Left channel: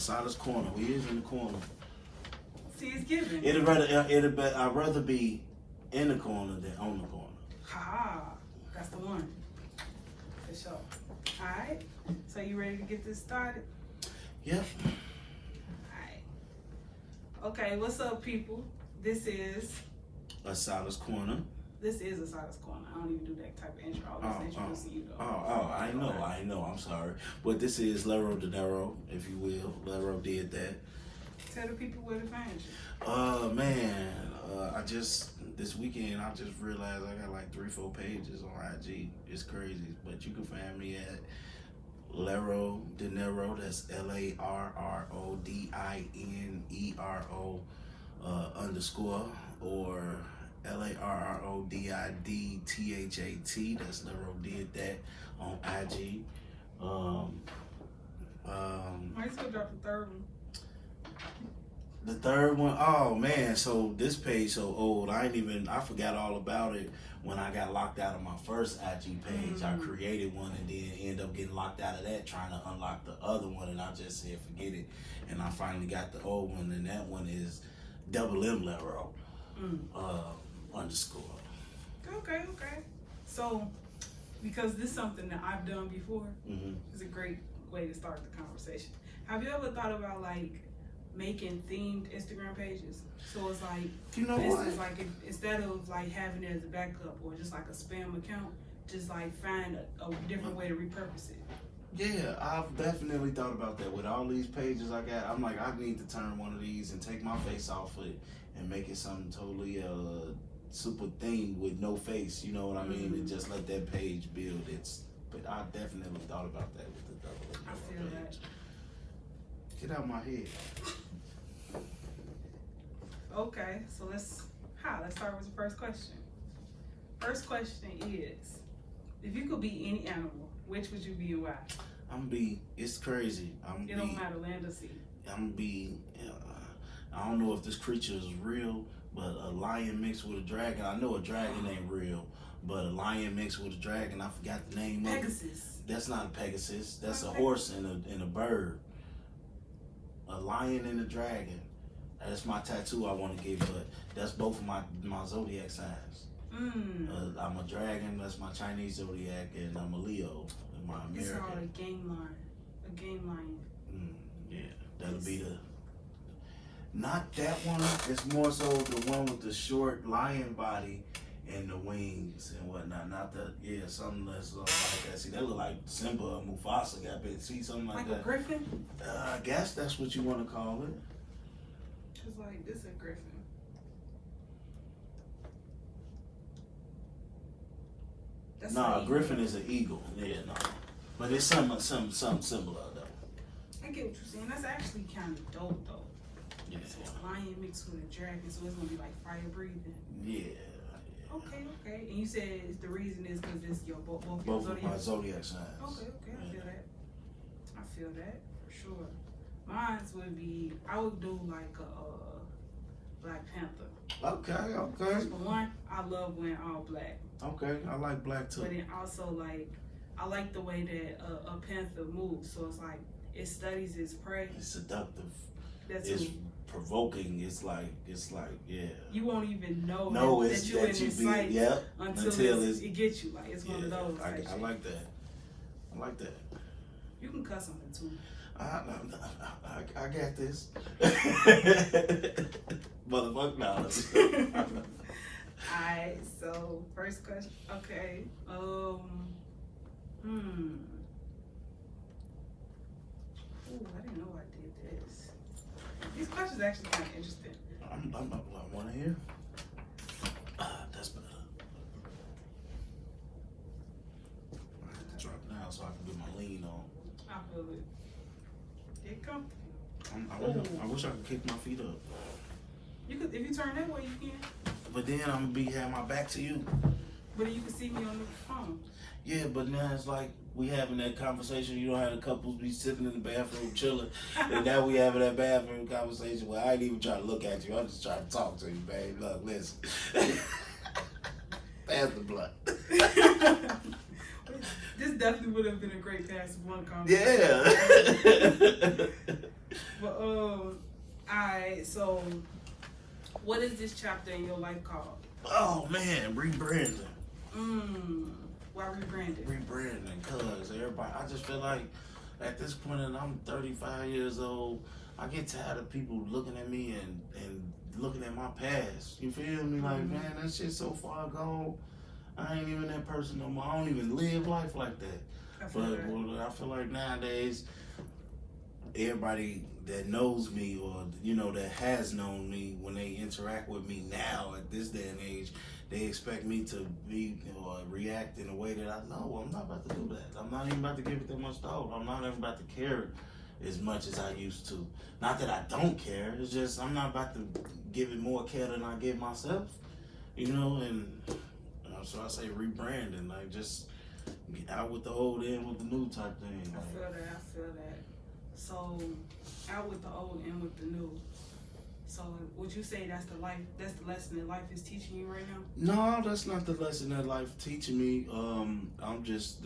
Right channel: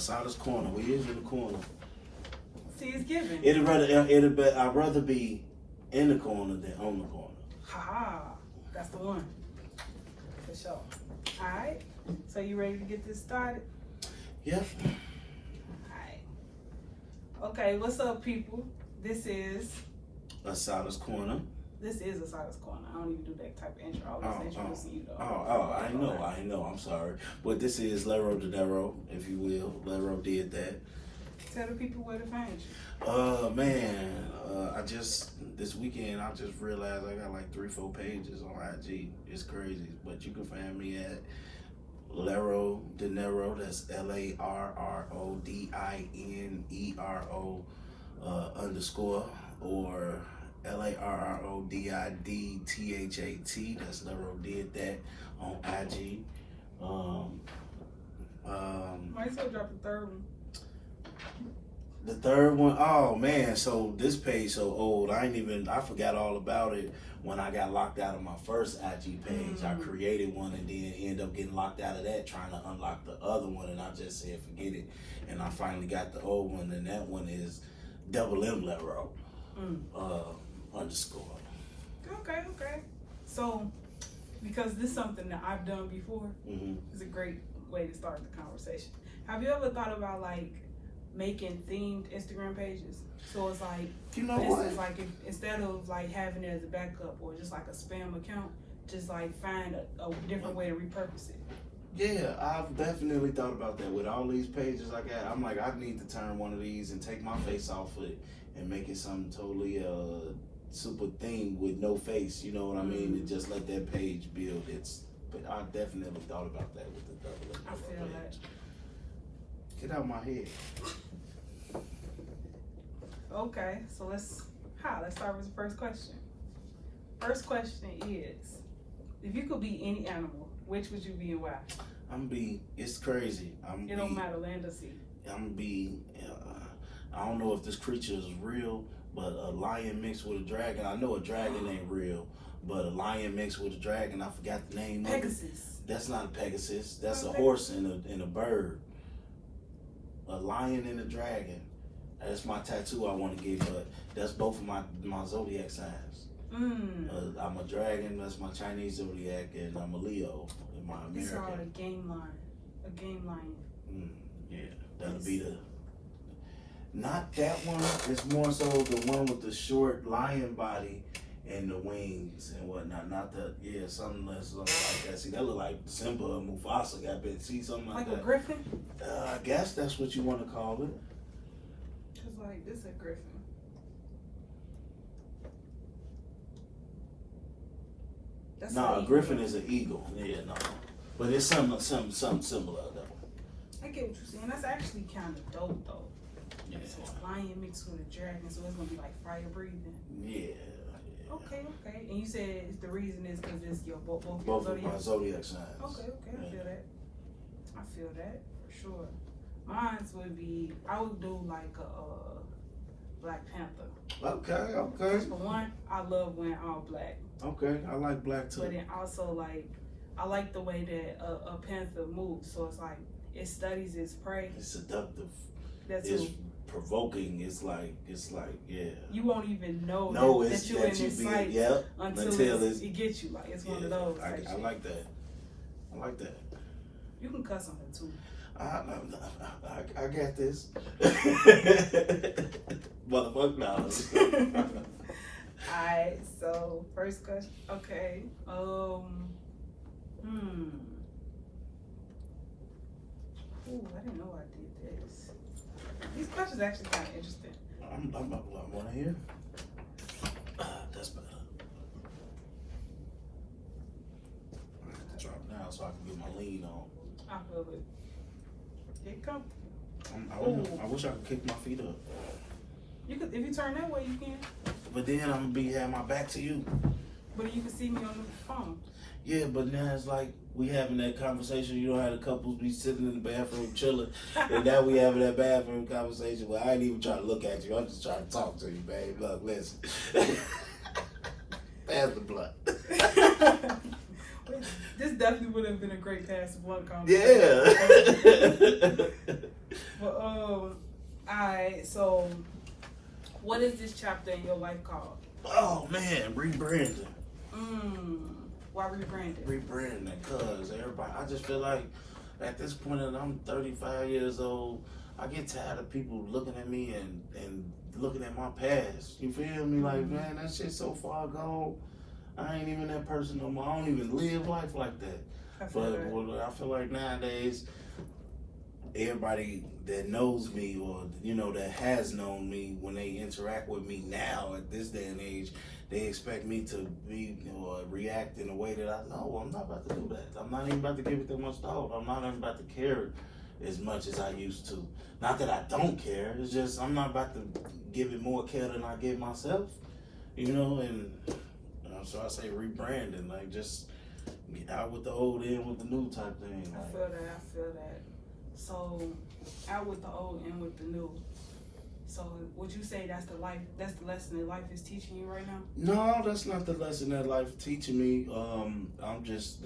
Assata's corner. We is in the corner. See, it's given. I'd rather be in the corner than on the corner. Ha! That's the one. For sure. All right. So you ready to get this started? Yep. Alright. Okay, what's up, people? This is Assata's corner. Assata's corner. I don't even do that type of intro. I was introducing you though. I know. I'm sorry, but this is Lero De Niro, if you will. Lero did that. Tell the people where to find you. This weekend I just realized I got like 3-4 pages on IG. It's crazy, but you can find me at Lero De Niro. That's LARRODINERO _ or LARRODIDTHAT. That's Lero did that on IG. Why you still drop the third one? The third one, oh man, so this page so old. I forgot all about it when I got locked out of my first IG page. I created one and then ended up getting locked out of that trying to unlock the other one, and I just said forget it. And I finally got the old one, and that one is M Lero _ Okay. So, because this is something that I've done before, it's a great way to start the conversation. Have you ever thought about like making themed Instagram pages? So it's like, you know for instance, what? like instead of like having it as a backup or just like a spam account, just like find a different way to repurpose it. Yeah, I've definitely thought about that. With all these pages I got, I'm like, I need to turn one of these and take my face off it and make it something totally super thing with no face, you know what I mean? And just let that page build its. But I definitely thought about that with the double. I feel that. Get out my head. Okay, so let's start with the first question. First question is, if you could be any animal, which would you be and why? It's crazy. It don't matter, land or sea. I don't know if this creature is real, but a lion mixed with a dragon. I know a dragon ain't real, but a lion mixed with a dragon, I forgot the name of it. Pegasus. That's not a Pegasus. That's a horse and a bird. A lion and a dragon. That's my tattoo I want to get, but that's both of my zodiac signs. I'm a dragon, that's my Chinese zodiac, and I'm a Leo, my American. These are all a game lion. Yeah, that'll be the. Not that one. It's more so the one with the short lion body and the wings and whatnot. Not the something that's like that. See, that look like Simba or Mufasa got bit. See something like that. Like a griffin? I guess that's what you want to call it. It's like this is a griffin. That's a griffin is an eagle. Yeah, no. But it's something similar though. I get what you're saying. That's actually kind of dope though. Yeah. So a lion mixed with a dragon, so it's gonna be like fire breathing. Yeah. Okay. And you said the reason is because it's both of zodiac. my zodiac signs. Okay. Yeah. I feel that for sure. Mine would be, I would do like a Black Panther. Okay. For one, I love wearing all black. Okay, I like black too. But then also like, I like the way that a panther moves. So it's like it studies its prey. It's seductive. It's provoking. It's like yeah. You won't even know that you're in its sight until it gets you. Like it's one of those. I like that. I like that. You can cuss on it too. I got this. Motherfucker knowledge. Alright, so first question. Okay. Ooh, I didn't know I did this. These questions are actually kind of interesting. I want to hear. That's better. I have to drop down so I can get my lean on. I feel it. Get comfortable. I wish I could kick my feet up. You could, if you turn that way, you can. But then I'm gonna have my back to you. But you can see me on the phone. Yeah, but now it's like we having that conversation. You don't have the couples be sitting in the bathroom chilling, and now we having that bathroom conversation where I ain't even trying to look at you. I'm just trying to talk to you, babe. Look, listen. Pass the blunt. This definitely would have been a great pass the blunt conversation. Yeah. Alright, so what is this chapter in your life called? Oh man, rebranding. Why rebranding? Rebranding, cause everybody. I just feel like at this point, and I'm 35 years old. I get tired of people looking at me and looking at my past. You feel me? Like, man, that shit's so far gone. I ain't even that person no more. I don't even live life like that. I feel like nowadays, everybody that knows me or that has known me, when they interact with me now at this day and age, they expect me to be or react in a way that I know I'm not about to do that. I'm not even about to give it that much thought. I'm not even about to care as much as I used to. Not that I don't care. It's just I'm not about to give it more care than I give myself. And so I say rebranding, like just get out with the old, in with the new type thing. I feel that. So out with the old, in with the new. So would you say that's the lesson that life is teaching you right now? No, that's not the lesson that life teaching me. I'm just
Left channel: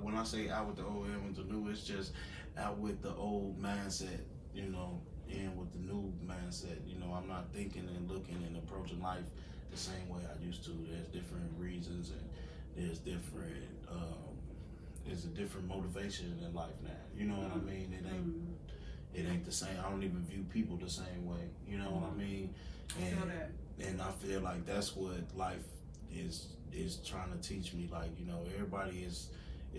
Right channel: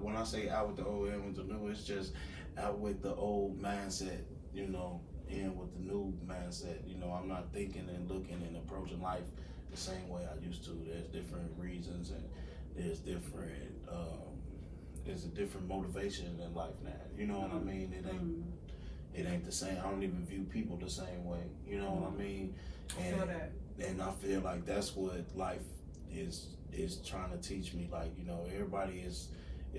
when I say out with the old, in with the new, it's just out with the old mindset, in with the new mindset. I'm not thinking and looking and approaching life the same way I used to. There's different reasons and there's a different motivation in life now. You know what I mean? It ain't the same. I don't even view people the same way. You know what I mean? I feel that. And I feel like that's what life is trying to teach me. Like, everybody is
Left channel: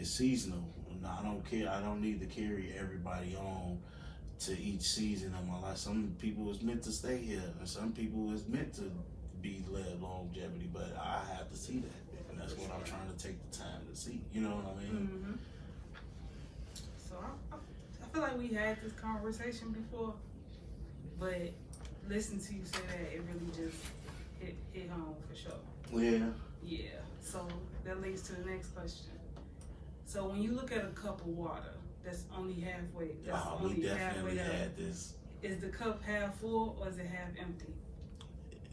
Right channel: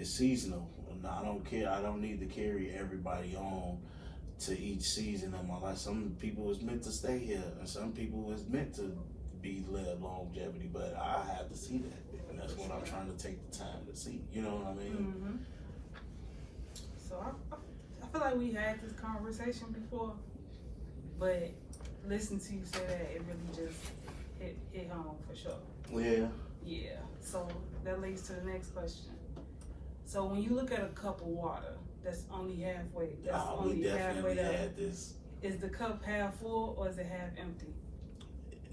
seasonal. I don't care. I don't need to carry everybody on to each season of my life. Some people is meant to stay here, and some people is meant to be led longevity. But I have to see that, and that's what I'm trying to take the time to see. You know what I mean? So I feel like we had this conversation before, but listening to you say that, it really just hit home for sure. Yeah. Yeah. So that leads to the next question. So when you look at a cup of water that's only halfway, is the cup half full or is it half empty?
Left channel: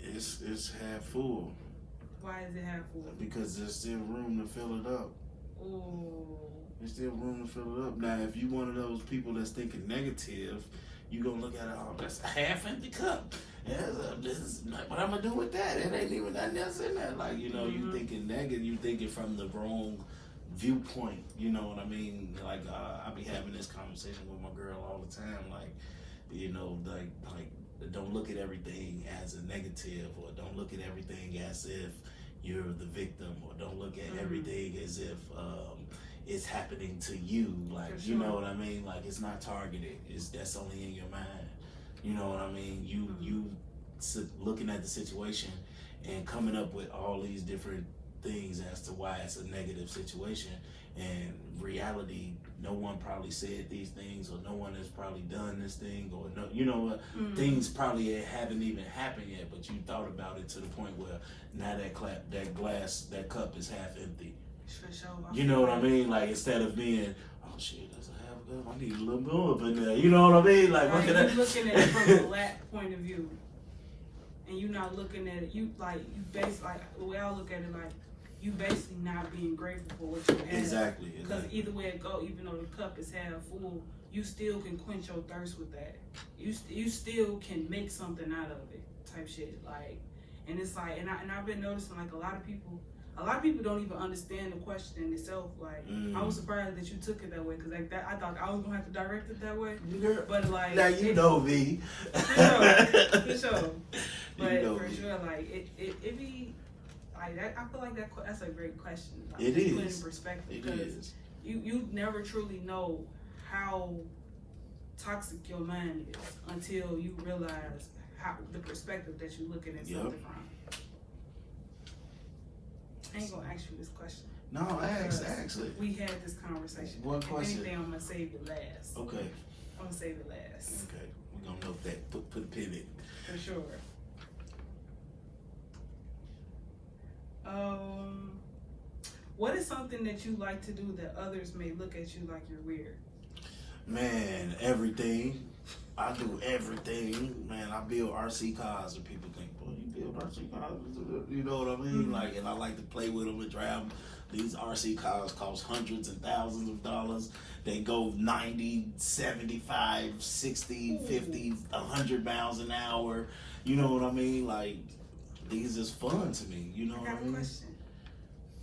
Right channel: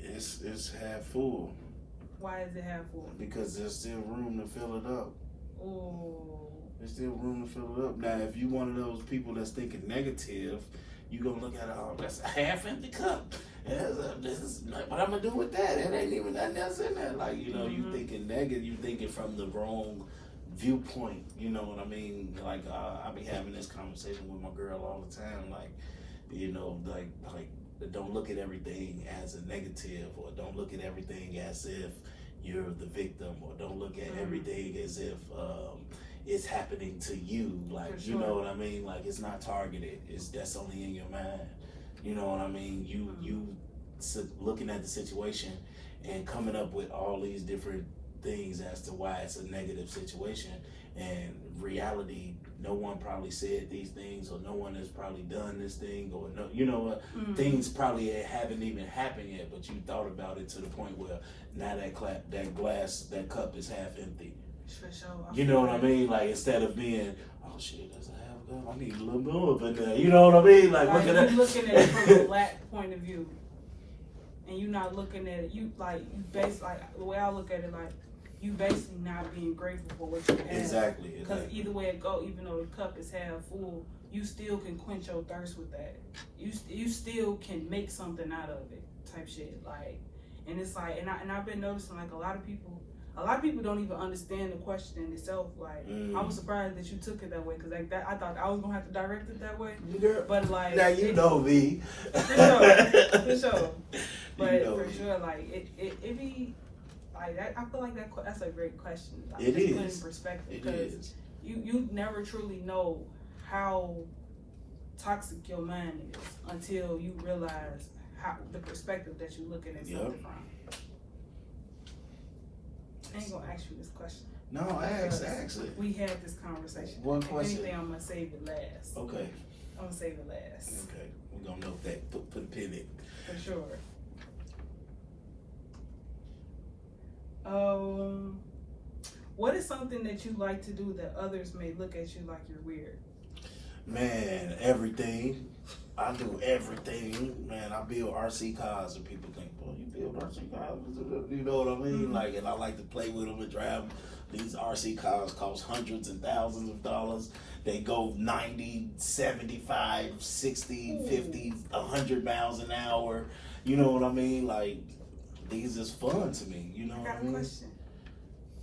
It's half full. Why is it half full? Because there's still room to fill it up. Oh. There's still room to fill it up. Now, if you one of those people that's thinking negative, you gonna look at it, oh, that's a half empty cup. What I'm gonna do with that? It ain't even nothing else in there. Like, you thinking negative, you thinking from the wrong viewpoint. You know what I mean? Like, I be having this conversation with my girl all the time. Like, like don't look at everything as a negative, or don't look at everything as if you're the victim, or don't look at everything as if it's happening to you. Like, you know what I mean? Like, it's not targeted. That's only in your mind. You know what I mean? You looking at the situation and coming up with all these different things as to why it's a negative situation. And reality, no one probably said these things, or no one has probably done this thing, or things probably haven't even happened yet, but you thought about it to the point where now that cup is half empty. For sure. You know what I mean? Like, instead of being, oh shit, that's a half cup, I need a little more up in there. You know what I mean? Like, you're looking at it from the lack point of view, and you're not looking at it. You basically, like, the way I look at it, like, you basically not being grateful for what you have. Exactly. Because either way it go, even though the cup is half full, you still can quench your thirst with that. You still can make something out of it, type shit. Like, and it's like, and I've been noticing, like, a lot of people don't even understand the question in itself. Like, I was surprised that you took it that way, because like that, I thought I was gonna have to direct it that way. But like, now you know me. For sure. But for sure, like it be. I feel like that's a great question. Like, it is. Put in perspective, because you never truly know how toxic your mind is until you realize how the perspective that you're looking at something from. I ain't gonna ask you this question. No, actually. We had this conversation. One question. If anything, I'm gonna save it last. Okay. I'm gonna save it last. Okay. We're gonna note that. Put a pin in it. For sure. What is something that you like to do that others may look at you like you're weird? Man, everything. I do everything, man. I build RC cars, and people think, boy, you build RC cars? You know what I mean? Mm-hmm. Like, and I like to play with them and drive them. These RC cars cost hundreds and thousands of dollars. They go 90, 75, 60, 50, 100 miles an hour. You know what I mean? Like, these is fun to me. You know what I mean? Question.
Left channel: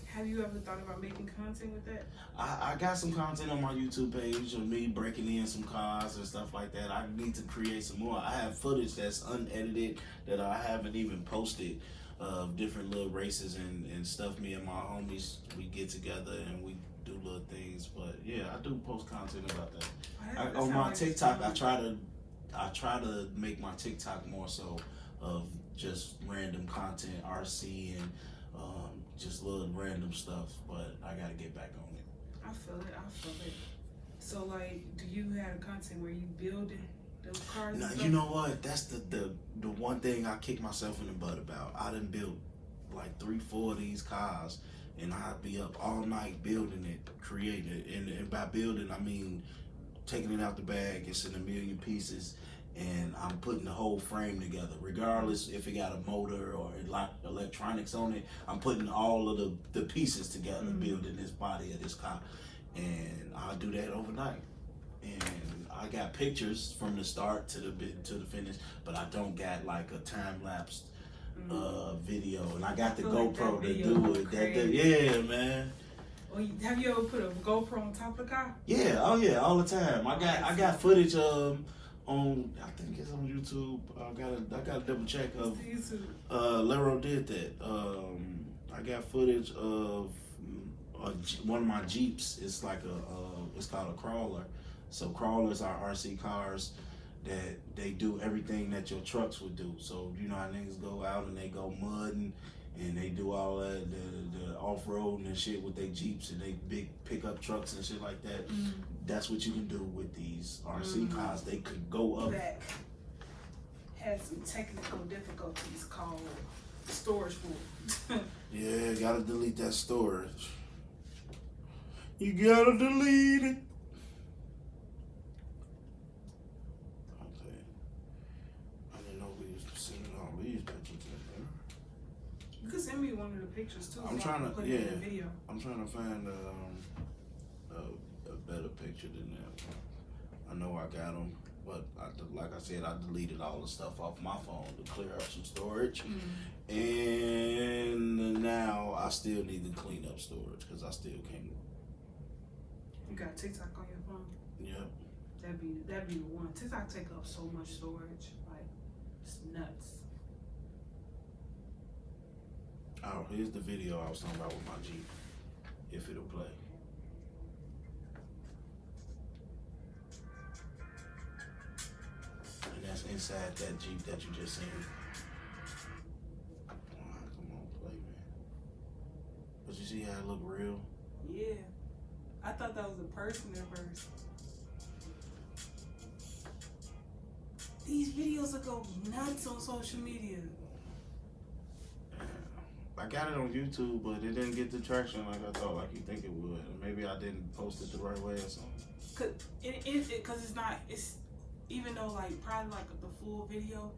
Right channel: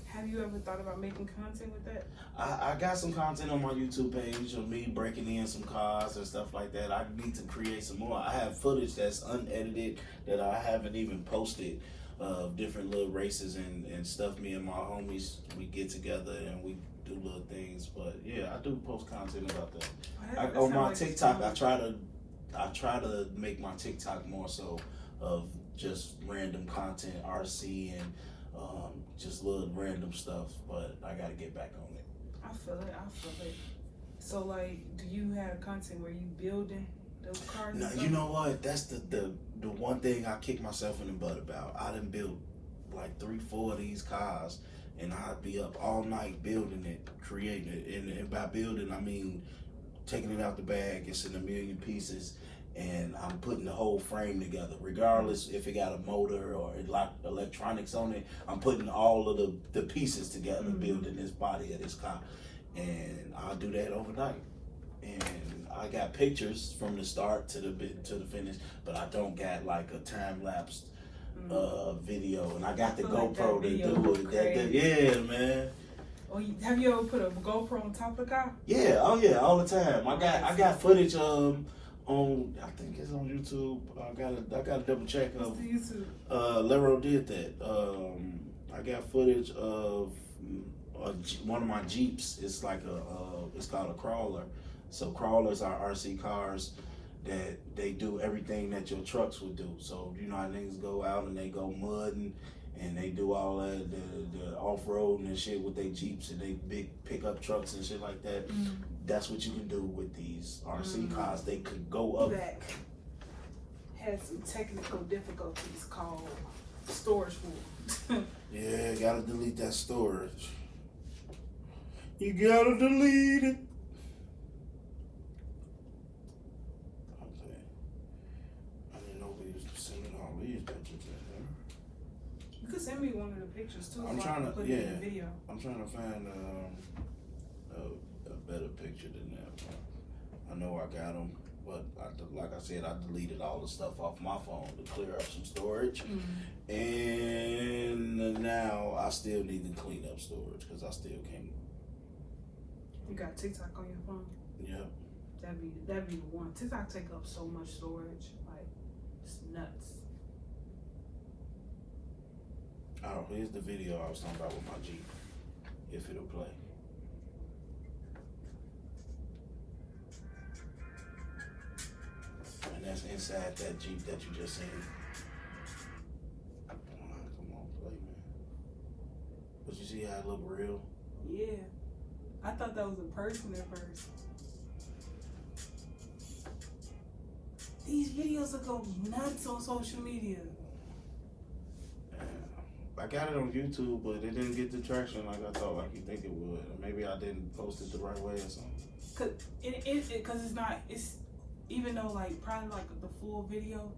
Have you ever thought about making content with that? I got some content on my YouTube page of me breaking in some cars and stuff like that. I need to create some more. I have footage that's unedited that I haven't even posted of different little races and stuff. Me and my homies, we get together and we do little things. But yeah, I do post content about that. On my TikTok, I try to make my TikTok more so of just random content, RC and just little random stuff, but I gotta get back on it. I feel it. So like, do you have content where you building those cars? Now, you know what? That's the one thing I kick myself in the butt about. I done built like 3-4 of these cars, and I'd be up all night building it, creating it, and by building I mean taking it out the bag. It's in a million pieces. And I'm putting the whole frame together, regardless if it got a motor or electronics on it. I'm putting all of the pieces together, building this body of this car. And I'll do that overnight. And I got pictures from the start to the finish, but I don't got like a time lapse video. And I got the GoPro to do it. Yeah, man. Well, have you ever put a GoPro on top of the car? Yeah, oh yeah, all the time. I got footage on, I think it's on YouTube. I gotta double check. What's the YouTube? Lero did that. I got footage of one of my Jeeps. It's like it's called a crawler. So crawlers are RC cars that they do everything that your trucks would do. So you know how niggas go out and they go mudding and they do all that, the off-roading and shit with their Jeeps and they big pickup trucks and shit like that. That's what you can do with these RC cars. They could go up. Back. Had some technical difficulties called storage full. Yeah, gotta delete that storage. You gotta delete it. Okay. I didn't know we was sending all these pictures in there. You could send me one of the pictures too. I'm trying to put it in the video. I'm trying to find a better picture than that. I know I got them, but like I said, I deleted all the stuff off my phone to clear up some storage. And now I still need to clean up storage because I still can't. You got TikTok on your phone? Yep. That'd be the one. TikTok take up so much storage, like it's nuts. Oh, here's the video I was talking about with my Jeep. If it'll play. And that's inside that Jeep that you just seen. Come on, play, man. But you see how it look real? Yeah. I thought that was a person at first. These videos will go nuts on social media. I got it on YouTube, but it didn't get the traction like I thought, like you think it would. Maybe I didn't post it the right way or something. Cause it's even though like probably like the full video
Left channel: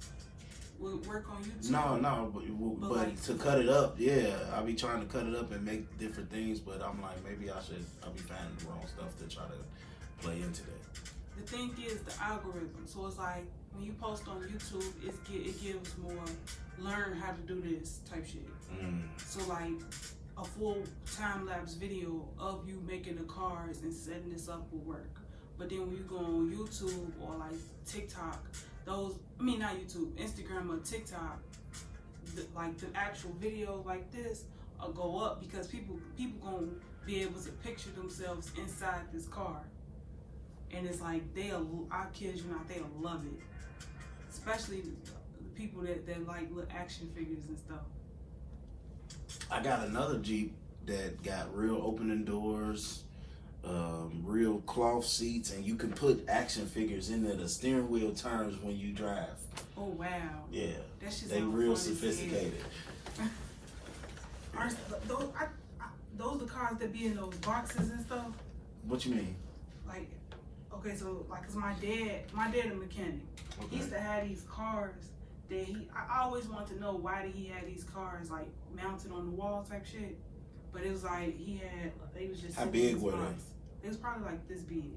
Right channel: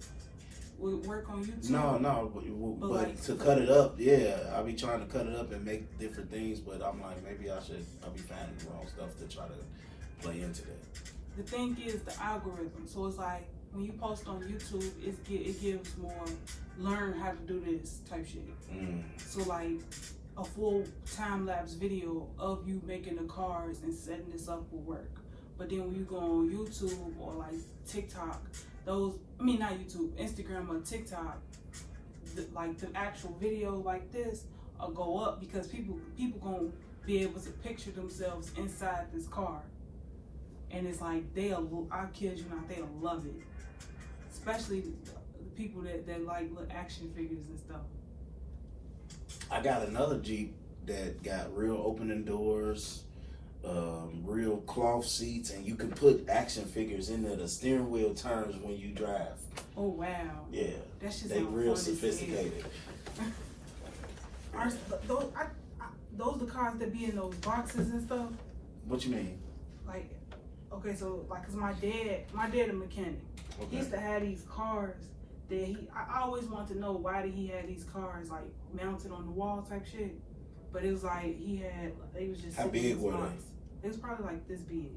would work on YouTube. No, but like, to cut it up, yeah, I be trying to cut it up and make different things, but I'm like, maybe I'll be finding the wrong stuff to try to play into that. The thing is the algorithm. So it's like when you post on YouTube, it gives more learn how to do this type shit. So like a full time-lapse video of you making the cars and setting this up will work. But then when you go on YouTube or like TikTok, not YouTube, Instagram or TikTok, like the actual video like this will go up because people gonna be able to picture themselves inside this car. And it's like, I kid you not, they'll love it. Especially the people that like little action figures and stuff. I got another Jeep that got real opening doors, real cloth seats, and you can put action figures in there. The steering wheel turns when you drive. Oh wow! Yeah, that shit they real sophisticated. Those the cars that be in those boxes and stuff. What you mean? Like Okay, so like, cause my dad a mechanic. Okay. He used to have these cars that I always wanted to know why did he have these cars like mounted on the wall type shit. But it was like they was just. How big were they? It was probably like this big.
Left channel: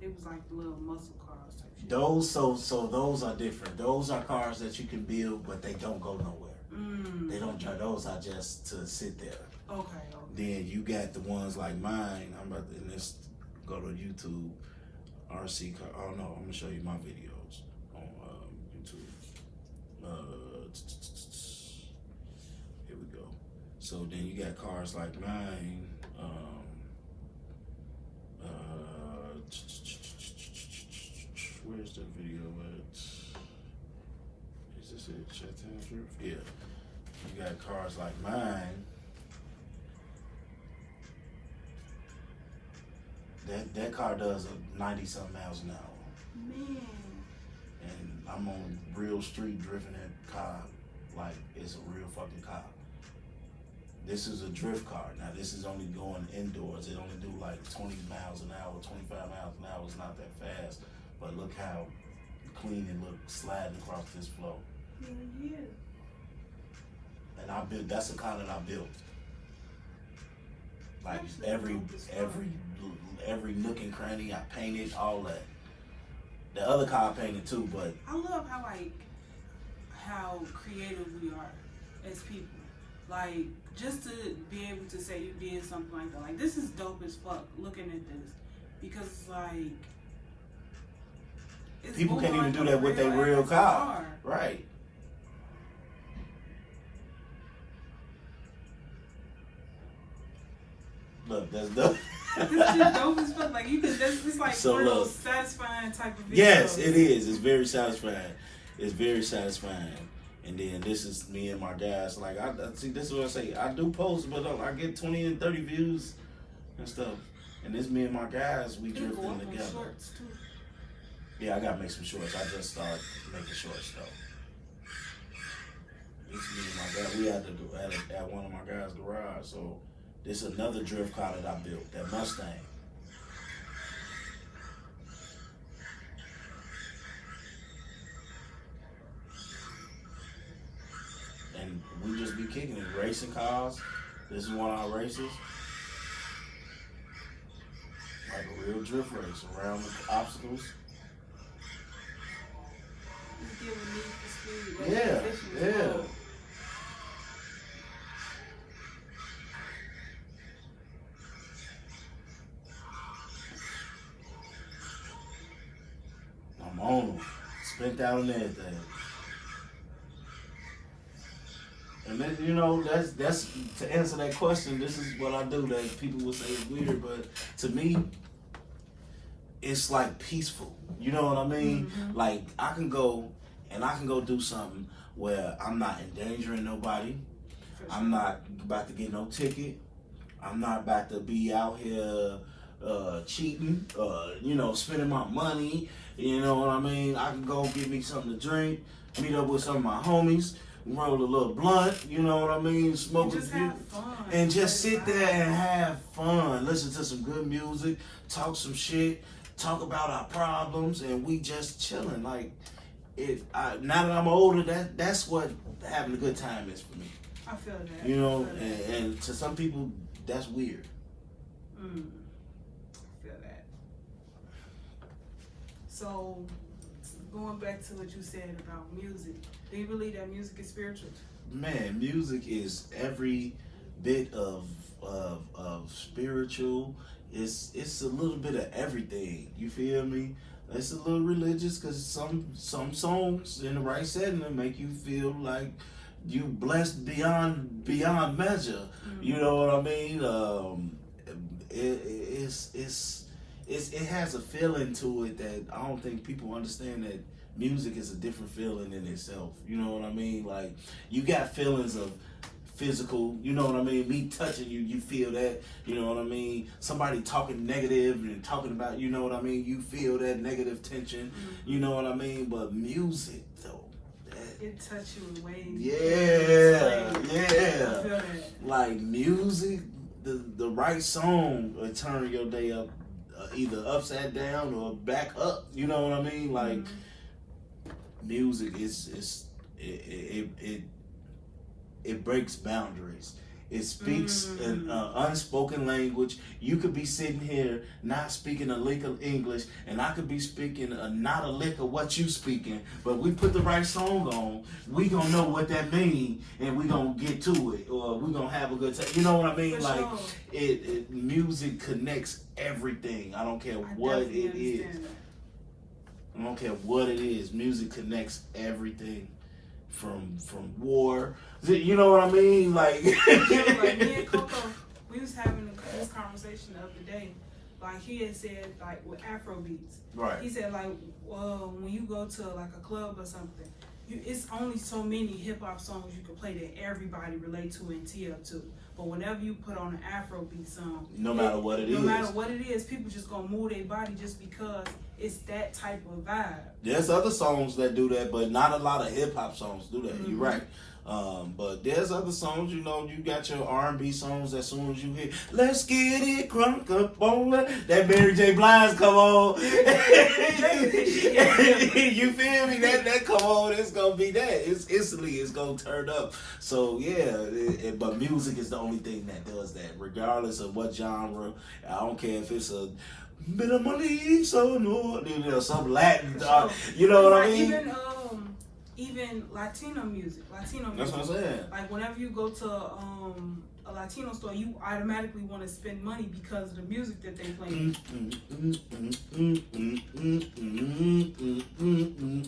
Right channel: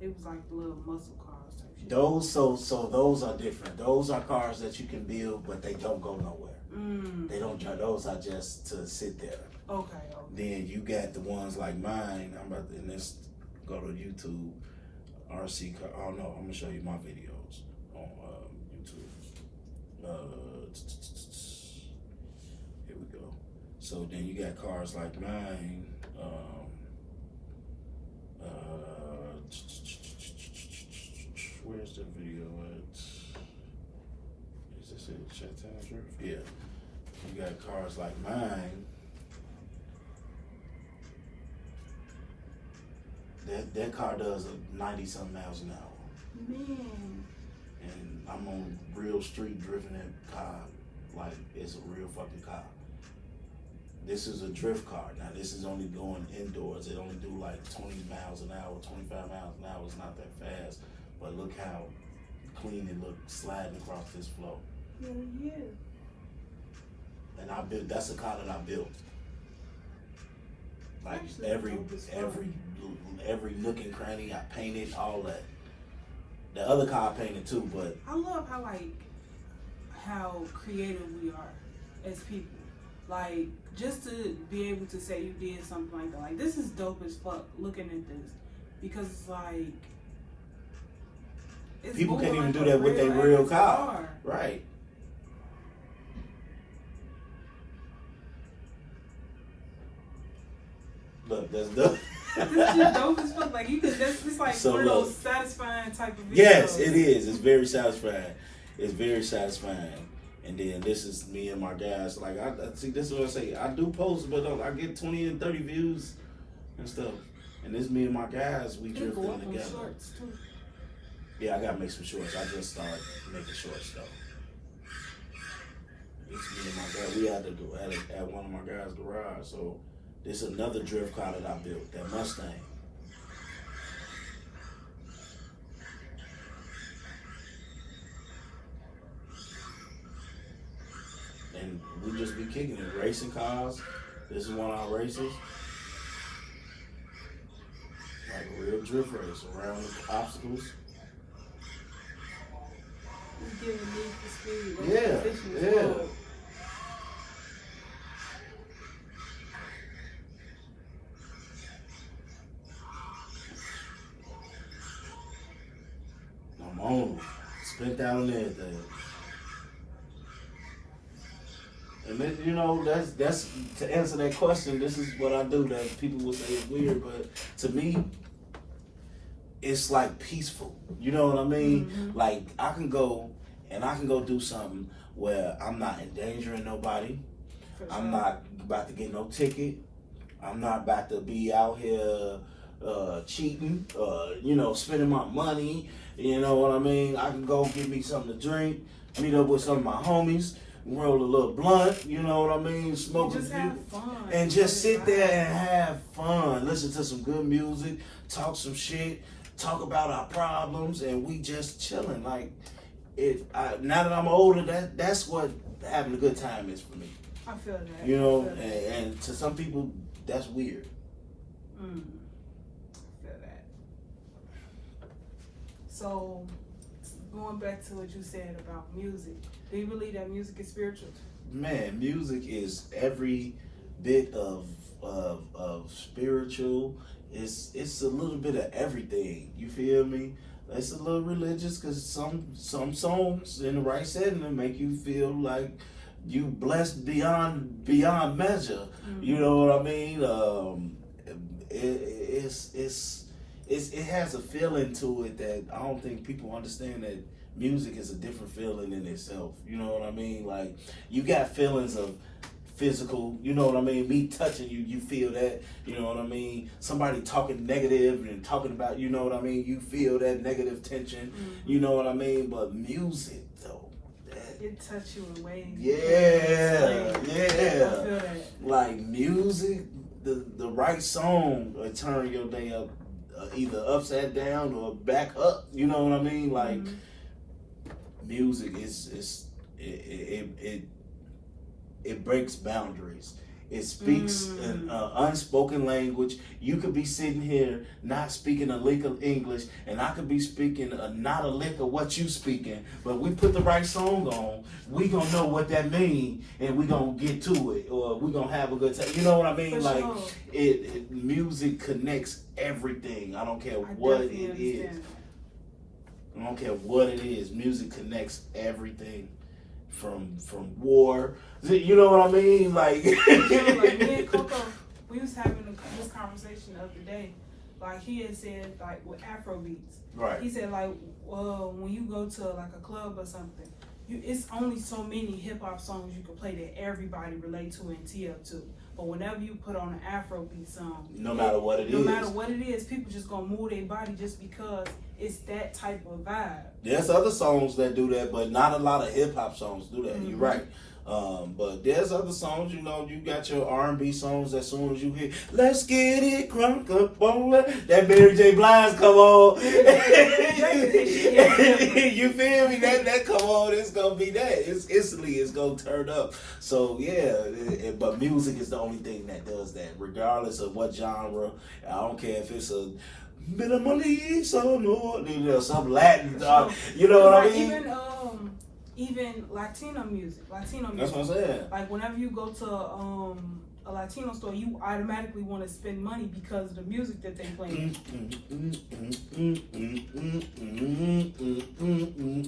It was like little muscle cars type shit. Those so those are different. Those are cars that you can build, but they don't go nowhere. They don't. Those are just to sit there. Okay. Then you got the ones like mine. I'm about to, and let's go to YouTube. RC car. Oh no, I'm gonna show you my videos on YouTube. Here we go. So then you got cars like mine. Where's the video at? Is this it? Shutdown Drift? Yeah. You got cars like mine. That car does 90-something miles an hour. Man. And I'm on real street drifting that car like it's a real fucking car. This is a drift car. Now this is only going indoors. It only do like 20 miles an hour, 25 miles an hour. It's not that fast. But look how clean it looks sliding across this floor. Yeah. And I built, that's a car that I built. Like Actually, every nook and cranny, I painted all that. The other car I painted too, but I love how creative we are as people. Like, just to be able to say you did something like that. Like, this is dope as fuck looking at this. Because it's like, it's people can't even like do that with their real car. car. Right. Look, that's dope. This is just dope as fuck. Like, it's like So one of look. those satisfying type of videos. Yes, it is. It's very satisfying. It's very satisfying. And then this is me and my guys. Like, I see, this is what I say. I do post, but I get 20 and 30 views and stuff. And this me and my guys, we You can go drifting up on together. shorts too. Yeah, I gotta make some shorts. I just started making shorts though. It's me and my guys. We at one of my guys' garage. So this is another drift car that I built, that Mustang. And we just be kicking it, racing cars. This is one of our races. Like a real drift race around the obstacles. You give a need for speed. That's Yeah, efficient as yeah. well. I'm on it. Spent out on everything. And then, you know, that's to answer that question. This is what I do that people would say is weird, but to me, it's like peaceful. You know what I mean? Mm-hmm. Like I can go do something where I'm not endangering nobody. For I'm sure. not about to get no ticket. I'm not about to be out here cheating, you know, spending my money. You know what I mean? I can go get me something to drink, meet up with some of my homies, roll a little blunt, you know what I mean? Smoke just a have few, fun. and just sit there and have fun. Listen to some good music, talk some shit, talk about our problems, and we just chilling. Like now that I'm older, that's what having a good time is for me. I feel that. You know, I feel that. and to some people, that's weird. I feel that. So, going back to what you said about music, do you believe that music is spiritual? Man, music is every bit of spiritual. It's a little bit of everything. You feel me? It's a little religious because some songs in the right setting will make you feel like you blessed beyond measure. Mm-hmm. You know what I mean? It has a feeling to it that I don't think people understand, that music is a different feeling in itself. You know what I mean? Like, you got feelings of physical, you know what I mean? Me touching you, you feel that, you know what I mean? Somebody talking negative and talking about, you know what I mean? You feel that negative tension, you know what I mean? But music, though, it touch you in ways. yeah. I feel that. Like music, the right song will turn your day up either upside down or back up. You know what I mean? Like music is it breaks boundaries. It speaks an unspoken language. You could be sitting here not speaking a lick of English, and I could be speaking not a lick of what you speaking. But we put the right song on, we gonna know what that means, and we gonna get to it, or we gonna have a good time. You know what I mean? For like sure. music connects everything. I don't care what it is. I don't care what it is. Music connects everything. From war, you know what I mean? Like, like me and Coco, we was having this conversation the other day. Like he had said, like with Afro beats, right? He said like, well, when you go to like a club or something, it's only so many hip hop songs you can play that everybody relate to and tee up to. But whenever you put on an Afrobeat song, no matter what it is, people just gonna move their body just because it's that type of vibe. There's other songs that do that, but not a lot of hip hop songs do that. You're right. But there's other songs, you know, you got your R&B songs as soon as you hear, let's get it crunk up on that Mary J. Blige come on. You feel me? That come on, it's gonna be that. It's instantly, it's gonna turn up. So yeah, but music is the only thing that does that, regardless of what genre. I don't care if it's a minimally so no, you know, some Latin, you know what I mean? Even Latino music. That's what I'm saying. Like whenever you go to a Latino store, you automatically want to spend money because of the music that they play.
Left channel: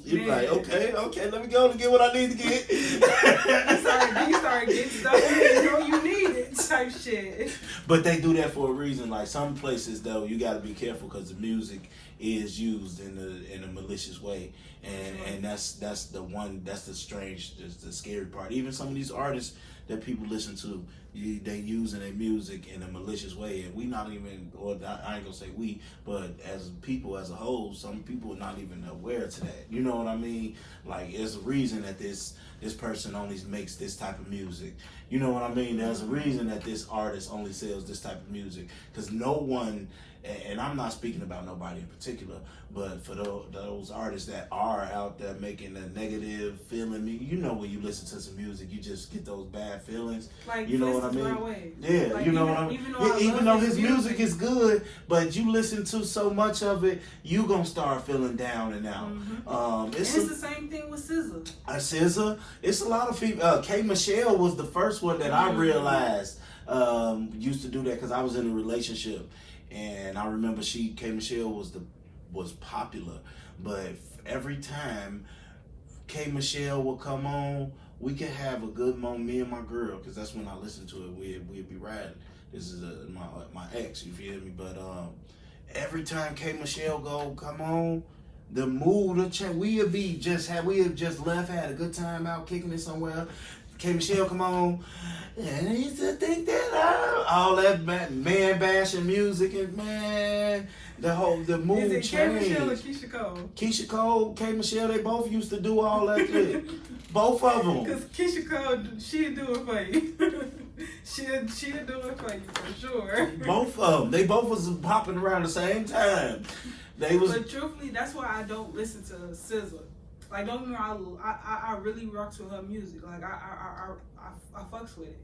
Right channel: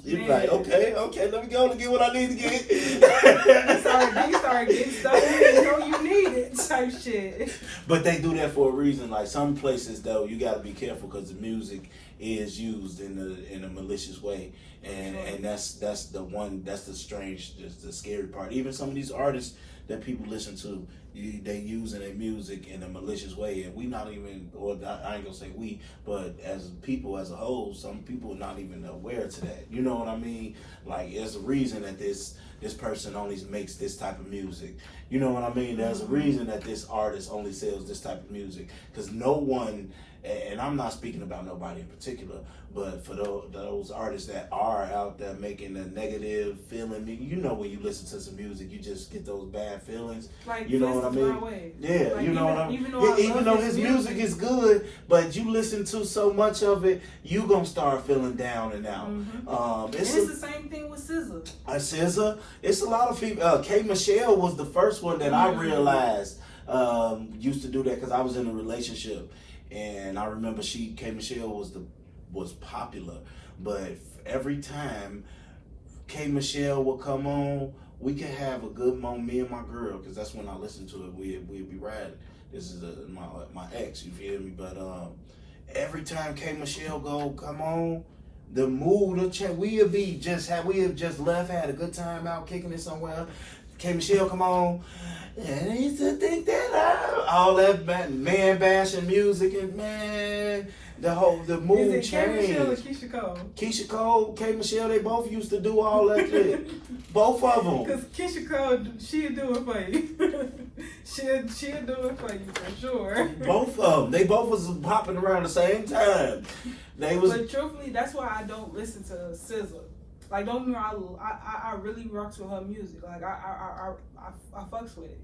You're like, okay, let me go to get what I need to get. you start getting stuff you didn't know you needed, type shit. But they do that for a reason. Like some places, though, you got to be careful because the music is used in a malicious way, and that's the strange, the scary part. Even some of these artists that people listen to, they using their music in a malicious way, and we not even, or I ain't gonna say we, but as people as a whole, some people are not even aware to that. You know what I mean? Like, there's a reason that this person only makes this type of music. You know what I mean? There's a reason that this artist only sells this type of music, because no one, and I'm not speaking about nobody in particular, but for those artists that are out there making the negative feeling, you know, when you listen to some music, you just get those bad feelings. Like, you know what I mean? Yeah, like, you know what I mean? Even though his music is good, but you listen to so much of it, you gonna start feeling down and out. It's the same thing with SZA. SZA, it's a lot of people. K Michelle was the first one that I realized used to do that, because I was in a relationship. And I remember K Michelle was popular, but every time K Michelle would come on, we could have a good moment, me and my girl, because that's when I listened to it. We'd be riding. This is my ex, you feel me? But every time K Michelle come on, the mood will change. We had just left, had a good time out kicking it somewhere. K Michelle come on, and I used to think that all that man bashing music, and man, the mood changed. K Michelle or Keisha Cole? Keisha Cole, K Michelle, they both used to do all that shit. Both of them. Because Keisha Cole, she'll do it for you. she'll do it for you for sure. Both of them. They both was popping around the same time. But truthfully, that's why I don't listen to SZA. Like, don't get me wrong, I really rocks with her music. Like, I fucks with it.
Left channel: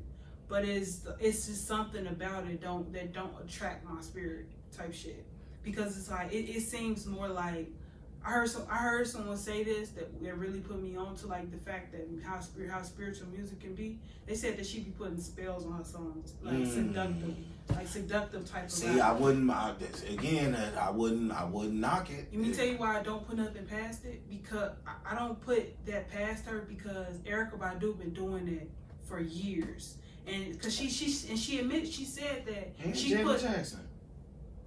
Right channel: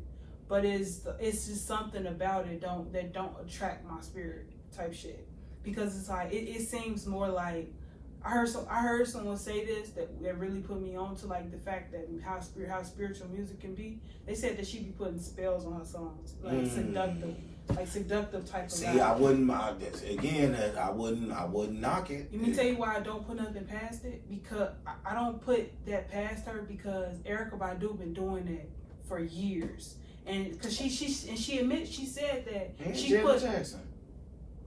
But it's just something about it that don't attract my spirit type shit. Because it's like, it seems more like, I heard someone say this that really put me on to, like, the fact that how spiritual music can be. They said that she be putting spells on her songs, like seductive type of. See, vibe. I wouldn't knock it. Let me tell you why I don't put nothing past it, because I don't put that past her, because Erykah Badu been doing that for years, and because she admitted, she said that and she Janet put Jackson.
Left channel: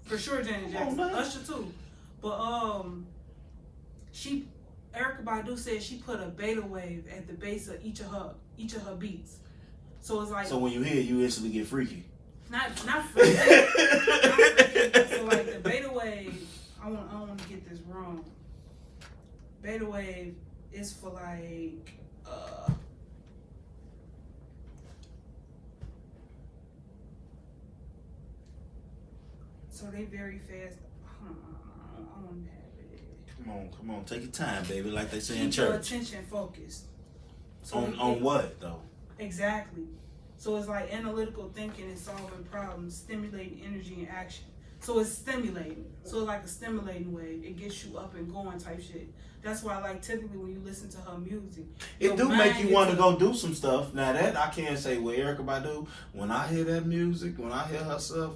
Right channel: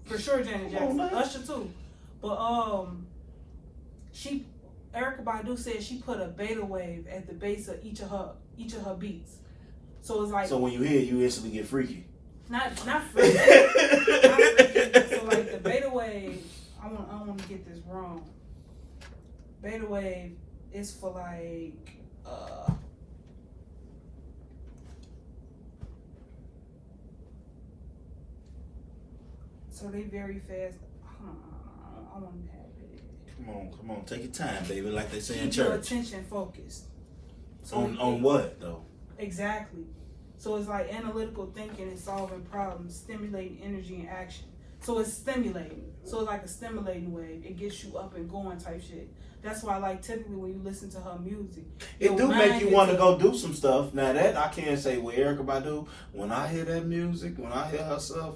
For sure Janet Jackson, Usher too, but Erykah Badu said she put a beta wave at the base of each of her beats, so it's like, so when you hear it, you instantly get freaky. Not freaky. So like the beta wave, I don't want to get this wrong. Beta wave is for like so they very fast. I want to have it. Come on, take your time, baby. Like they say in Keep your church. attention focused. On what though? Exactly. So it's like analytical thinking and solving problems, stimulating energy and action. So it's stimulating. So it's like a stimulating way. It gets you up and going type shit. That's why, like, typically when you listen to her music, it do make you want to go do some stuff. Now that I can't say with Erykah Badu. When I hear that music, when I hear her stuff,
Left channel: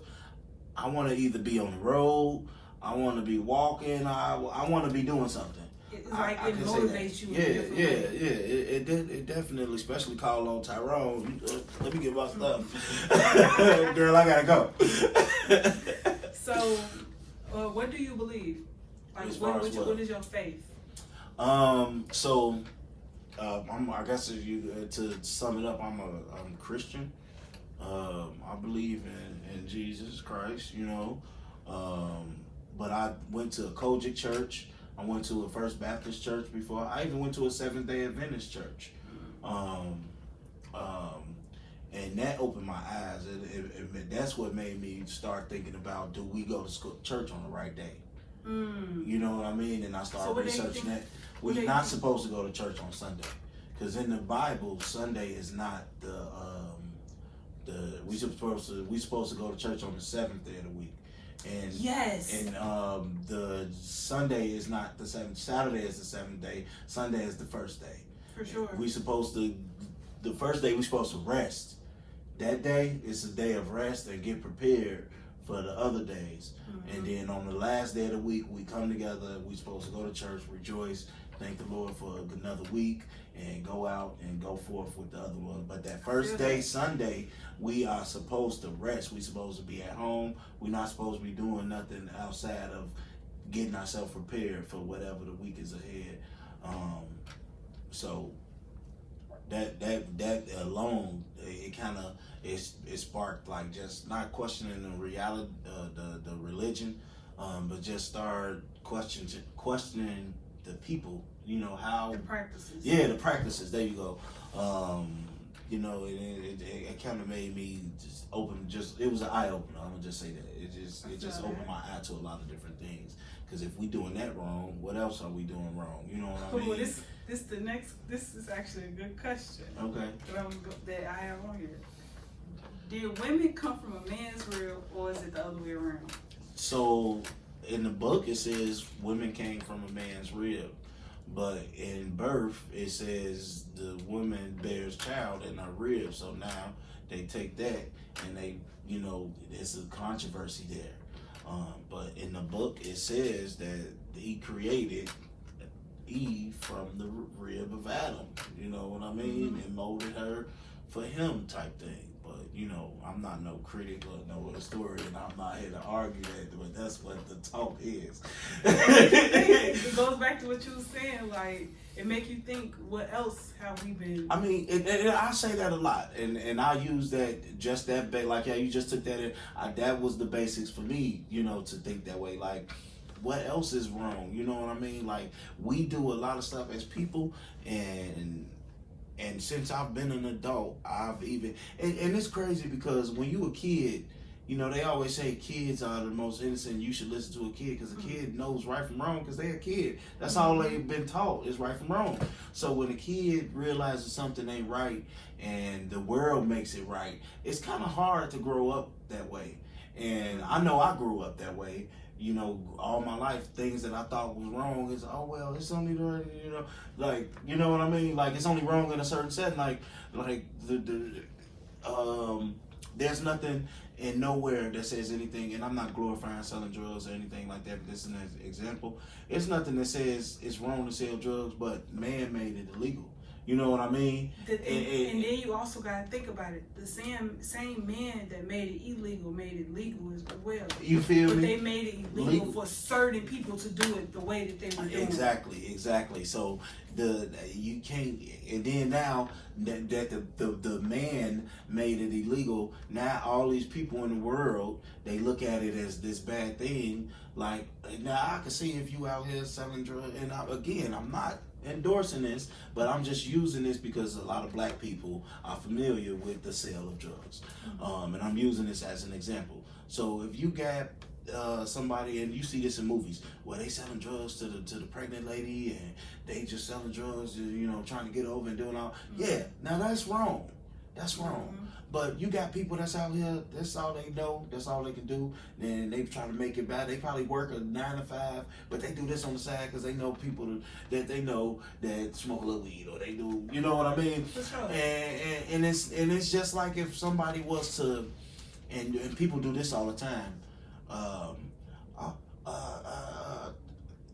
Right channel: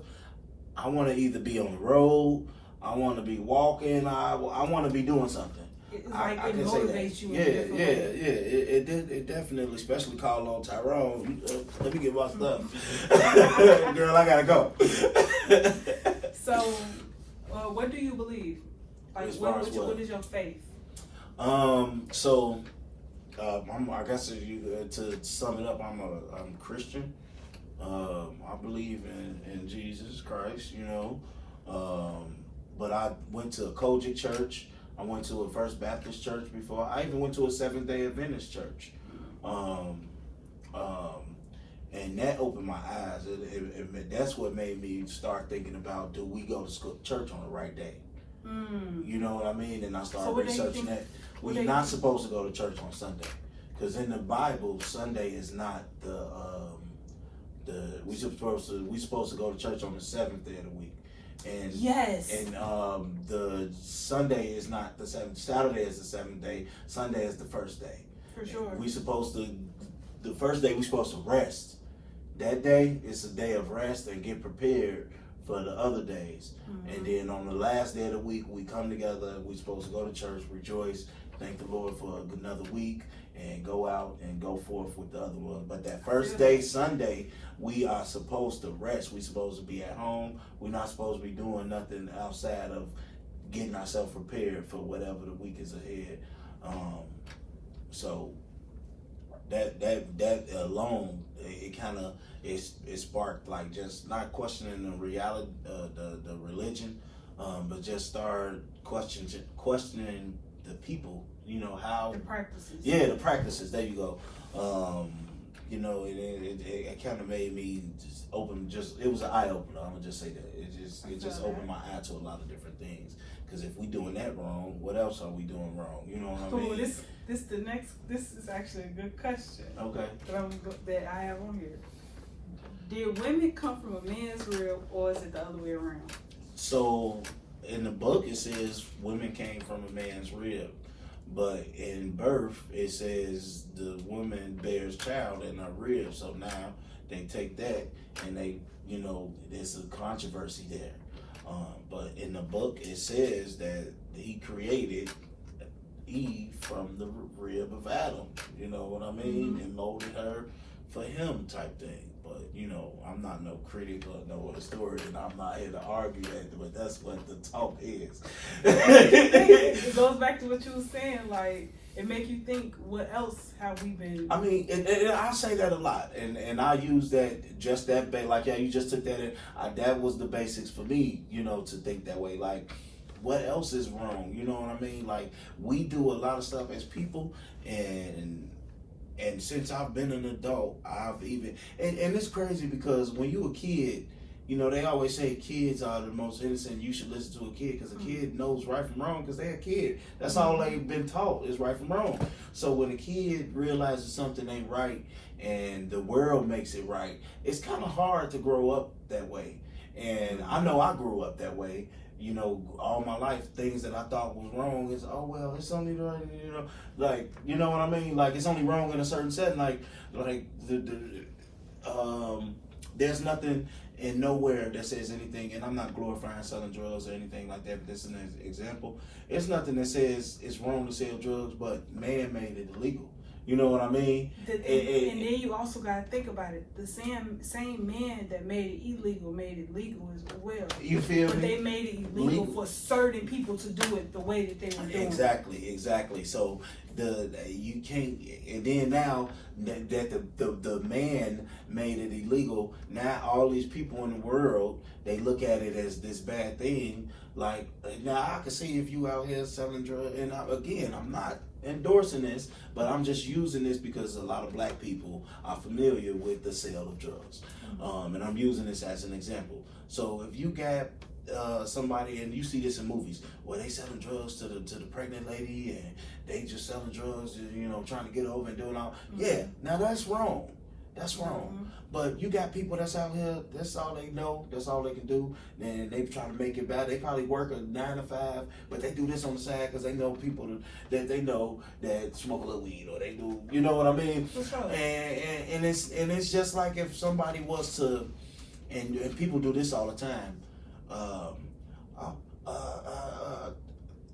I want to either be on the road, I want to be walking, I want to be doing something. It's like I it can say motivates you in yeah, a different way. It definitely, especially call on Tyrone. Let me get my stuff. Girl, I gotta go. So, what do you believe? Like, what is your faith? So, I guess if you to sum it up, I'm Christian. I believe in Jesus Christ, you know. But I went to a Kojic church. I went to a First Baptist church before. I even went to a Seventh-day Adventist church. And that opened my eyes. That's what made me start thinking about, do we go to church on the right day? You know what I mean? And I started researching that. We're not supposed to go to church on Sunday. Because in the Bible, Sunday is not we supposed to go to church on the 7th day of the week. And yes. And the Sunday is not the 7th. Saturday is the 7th day. Sunday is the first day. For sure. The first day we're supposed to rest. That day is a day of rest and get prepared for the other days. And then on the last day of the week, we come together. We're supposed to go to church, rejoice, thank the Lord for another week, and go out and go forth with the other one. But that first day, Sunday, we are supposed to rest. We're supposed to be at home. We're not supposed to be doing nothing outside of getting ourselves prepared for whatever the week is ahead. So that alone, it kind of it sparked, like, just not questioning the reality, the religion, but just start questioning the people. You know how the practices. Yeah, the practices. There you go. You know, it kind of made me just open. It was an eye opener. I'm gonna just say that it just opened my eye to a lot of different things. Because if we doing that wrong, what else are we doing wrong? You know what I mean? This is actually a good question. Okay. That I have on here. Did women come from a man's rib, or is it the other way around? So in the book it says women came from a man's rib, but in birth it says the woman bears child in her rib. So now they take that and they, you know, there's a controversy there. But in the book it says that he created Eve from the rib of Adam. You know what I mean? And molded her for him type thing. But, you know, I'm not no critic or no historian. I'm not here to argue that, but that's what the talk is. It goes back to what you were saying, like, it make you think, what else have we been? I mean, and I say that a lot, and I use that, like, yeah, you just took that in. That was the basics for me, you know, to think that way. Like, what else is wrong? You know what I mean? Like, we do a lot of stuff as people, and since I've been an adult, I've even, and it's crazy because when you a kid, you know, they always say kids are the most innocent. You should listen to a kid because a kid knows right from wrong because they're a kid. That's all they've been taught is right from wrong. So when a kid realizes something ain't right and the world makes it right, it's kind of hard to grow up that way. And I know I grew up that way. You know, all my life, things that I thought was wrong is, oh, well, it's only, you know, like, you know what I mean? Like, it's only wrong in a certain setting. Like there's nothing in nowhere that says anything, and I'm not glorifying selling drugs or anything like that, but this is an example. It's nothing that says it's wrong to sell drugs, but man made it illegal. You know what I mean? And then you also got to think about it. The same man that made it illegal made it legal as well. You feel me? But they made it illegal for certain people to do it the way that they were doing it. Exactly. So you can't. And then now that the man made it illegal, now all these people in the world, they look at it as this bad thing. Like, now I can see if you out here selling drugs, and again, I'm not endorsing this, but I'm just using this because a lot of black people are familiar with the sale of drugs, and I'm using this as an example. So if you got somebody, and you see this in movies, where they selling drugs to the pregnant lady, and they just selling drugs, and, trying to get over and doing all. Yeah, now that's wrong. That's wrong. But you got people that's out here, that's all they know, that's all they can do, and they trying to make it bad. They probably work a 9 to 5, but they do this on the side because they know people that they know that smoke a little weed, or they do, you know what I mean? For sure. And it's just like if somebody was to, and people do this all the time.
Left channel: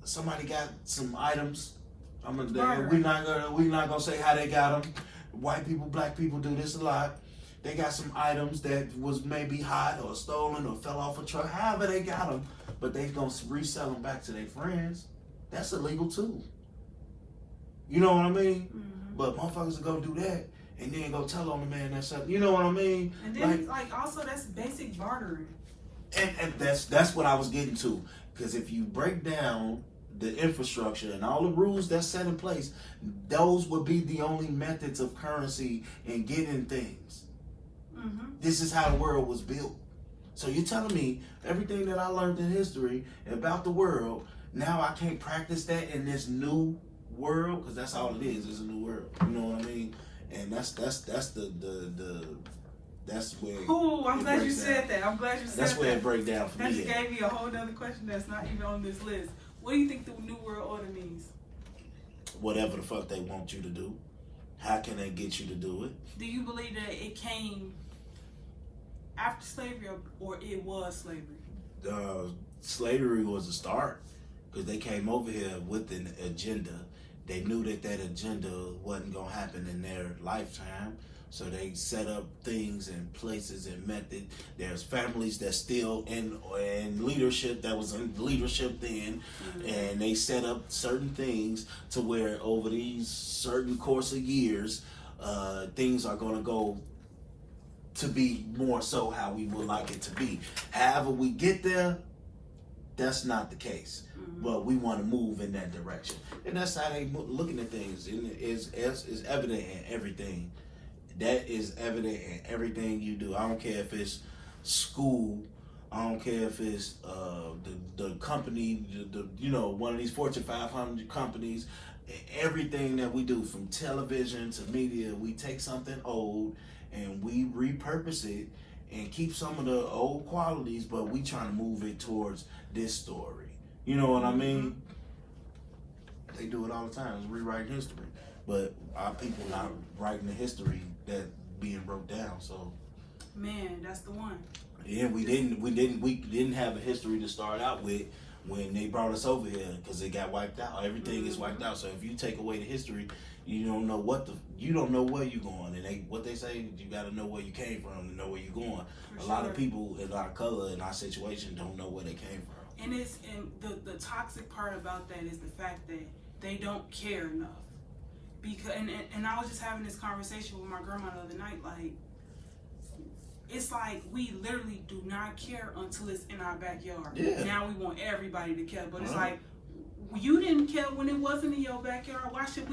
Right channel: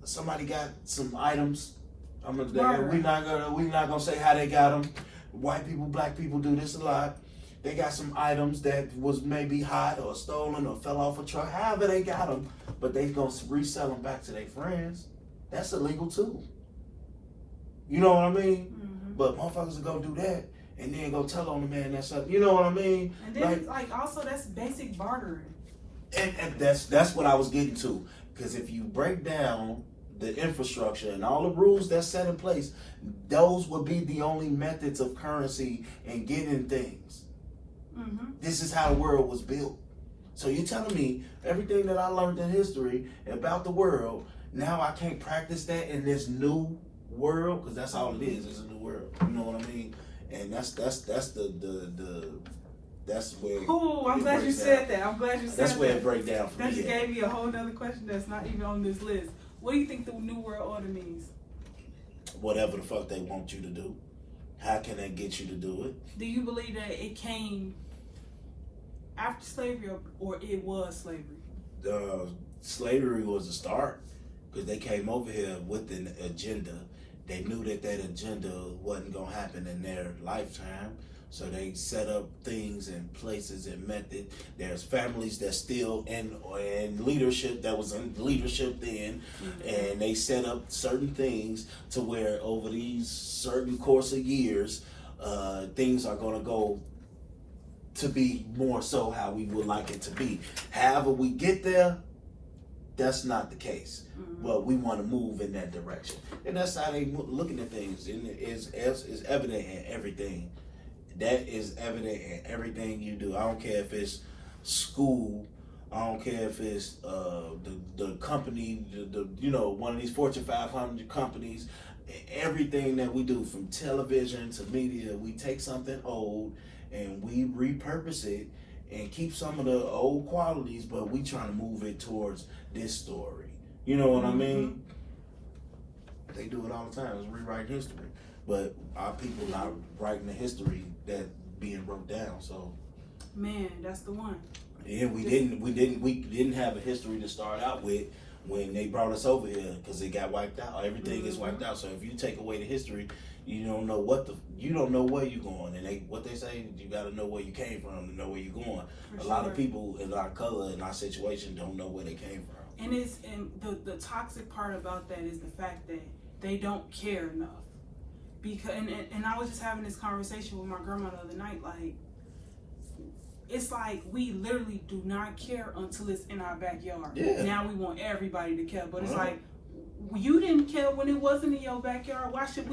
Somebody got some items. We're not gonna say how they got them. White people, black people do this a lot. They got some items that was maybe hot or stolen or fell off a truck. However they got them, but they gonna resell them back to their friends. That's illegal too. You know what I mean? Mm-hmm. But motherfuckers will go do that and then go tell on the man that's up. You know what I mean? And then also that's basic bartering. And that's what I was getting to. Because if you break down the infrastructure and all the rules that's set in place, those would be the only methods of currency and getting things. Mm-hmm. This is how the world was built. So you're telling me everything that I learned in history about the world, now I can't practice that in this new world? Because that's all it is. It's a new world. You know what I mean? And that's where. Oh, I'm glad you said that. I'm glad you said that. That's where it breaks down for me. That just me. gave me a whole other question that's not even on this list. What do you think the New World Order means? Whatever the fuck they want you to do. How can they get you to do it? Do you believe that it came after slavery or it was slavery? Slavery was the start, because they came over here with an agenda. They knew that agenda wasn't going to happen in their lifetime. So they set up things and places and method. There's families that's still in leadership, that was in leadership then, and they set up certain things to where over these certain course of years, things are going to go to be more so how we would like it to be. However we get there, that's not the case. But we want to move in that direction. And that's how they looking at things. And it's evident in everything. That is evident in everything you do. I don't care if it's school. I don't care if it's the company, one of these Fortune 500 companies. Everything that we do, from television to media, we take something old and we repurpose it and keep some of the old qualities, but we trying to move it towards this story. You know what I mean? They do it all the time. It's rewriting history. But our people not writing the history that being broke down. So, man, that's the one. Yeah, we didn't have a history to start out with when they brought us over here, because it got wiped out. Everything is wiped out. So if you take away the history, you don't know where you're going. And what they say, you got to know where you came from to know where you're going. A lot of people in our color, in our situation, don't know where they came from. And the toxic part about that is the fact that they don't care enough. Because and I was just having this conversation with my grandma the other night, like, it's like we literally do not care until it's in our backyard. Yeah. Now we want everybody to care, but it's like, you didn't care when it wasn't in your backyard. Why should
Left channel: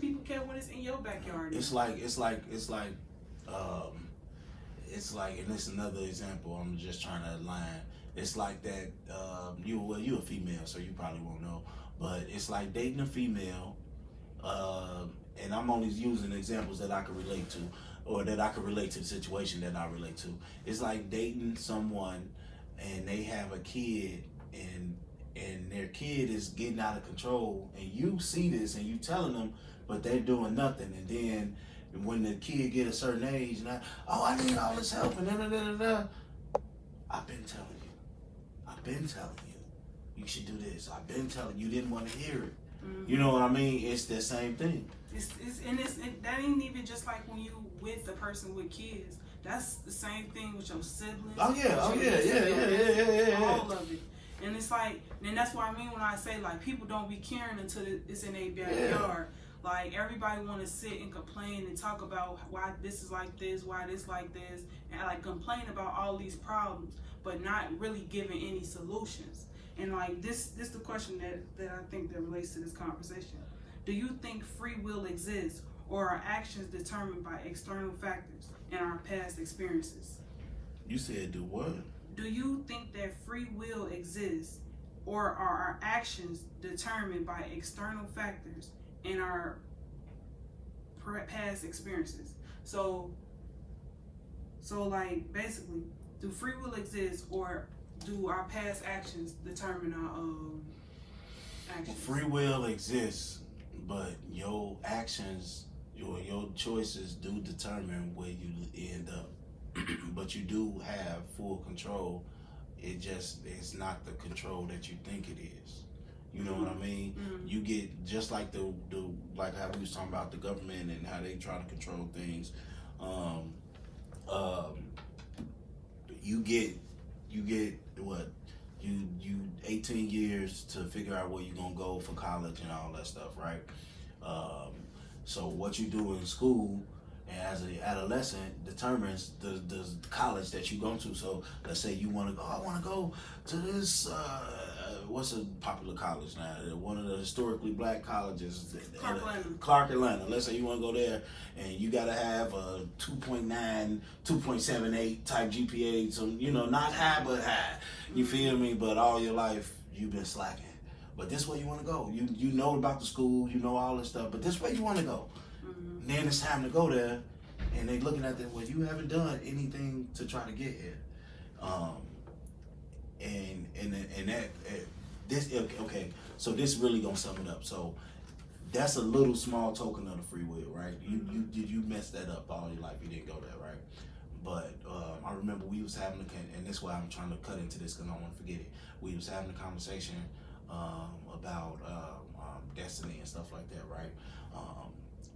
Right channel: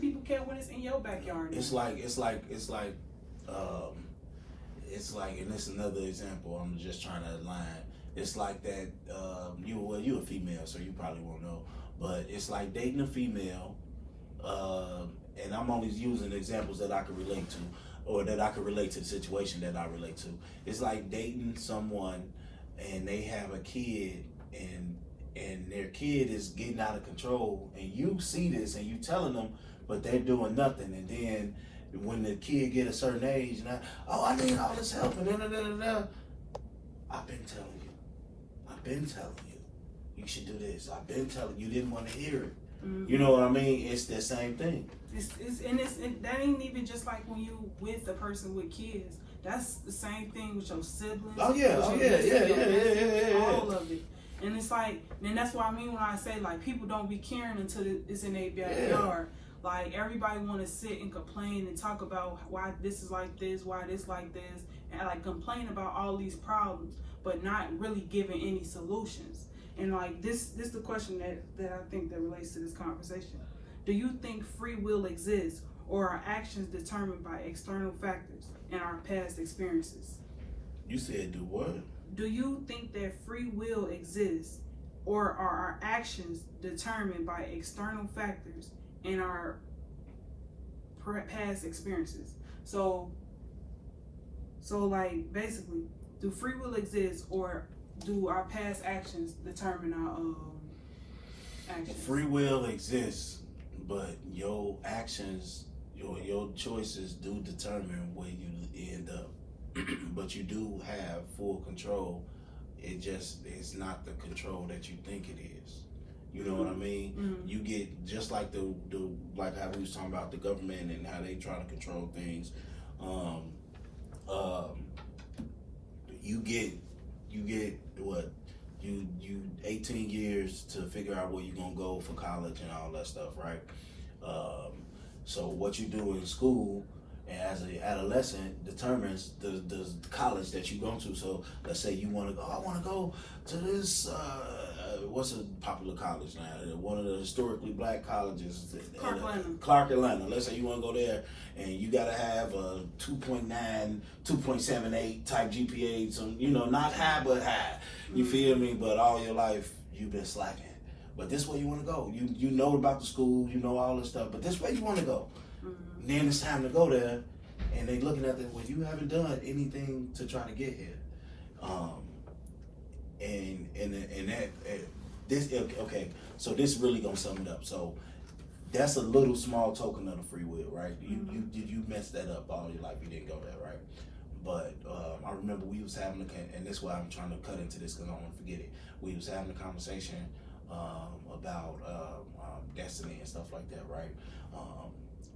people care when it's in your backyard now? It's like, and this is another example. I'm just trying to align. It's like that. You a female, so you probably won't know, but it's like dating a female. And I'm only using examples that I can relate to, or that I can relate to the situation that I relate to. It's like dating someone and they have a kid, and their kid is getting out of control, and you see this and you telling them, but they're doing nothing. And then when the kid get a certain age, and I need all this help, and I've been telling you, you should do this. I've been telling you, didn't want to hear it. You know what I mean? It's the same thing. That ain't even just like when you with the person with kids. That's the same thing with your siblings. Oh yeah. All of it. And it's like, and that's what I mean when I say, like, people don't be caring until it's in their backyard. Yeah. Like, everybody want to sit and complain and talk about why this is like this, why this like this, and like complain about all these problems, but not really giving any solutions. And like this is the question that I think that relates to this conversation. Do you think free will exists, or are actions determined by external factors and our past experiences? You said do what? do you think that free will exists, or are our actions determined by external factors and our past experiences? So like basically, do free will exist, or do our past actions determine our actions? Free will exists, but your actions, your choices do determine where you end up. But you do have full control. It's not the control that you think it is. You know what I mean? Mm-hmm. You get just like the like how we was talking about the government and how they try to control things. You get what you 18 years to figure out where you're gonna go for college and all that stuff, right? So what you do in school and as an adolescent determines the college that you go to. So let's say you want to go, I want to go to this, what's a popular college now? One of the historically black colleges. Clark, Atlanta. Let's say you want to go there and you got to have a 2.9, 2.78 type GPA. So, not high, but high. You feel me? But all your life you've been slacking. But this way you want to go. You know about the school, you know all this stuff, but this way you want to go. Mm-hmm. Then it's time to go there, and they looking at them. Well, you haven't done anything to try to get here, okay. So this really gonna sum it up. So that's a little small token of the free will, right? You messed that up all your life. You didn't go there, right? But I remember we was having and that's why I'm trying to cut into this because I don't want to forget it. We was having a conversation about destiny and stuff like that, right?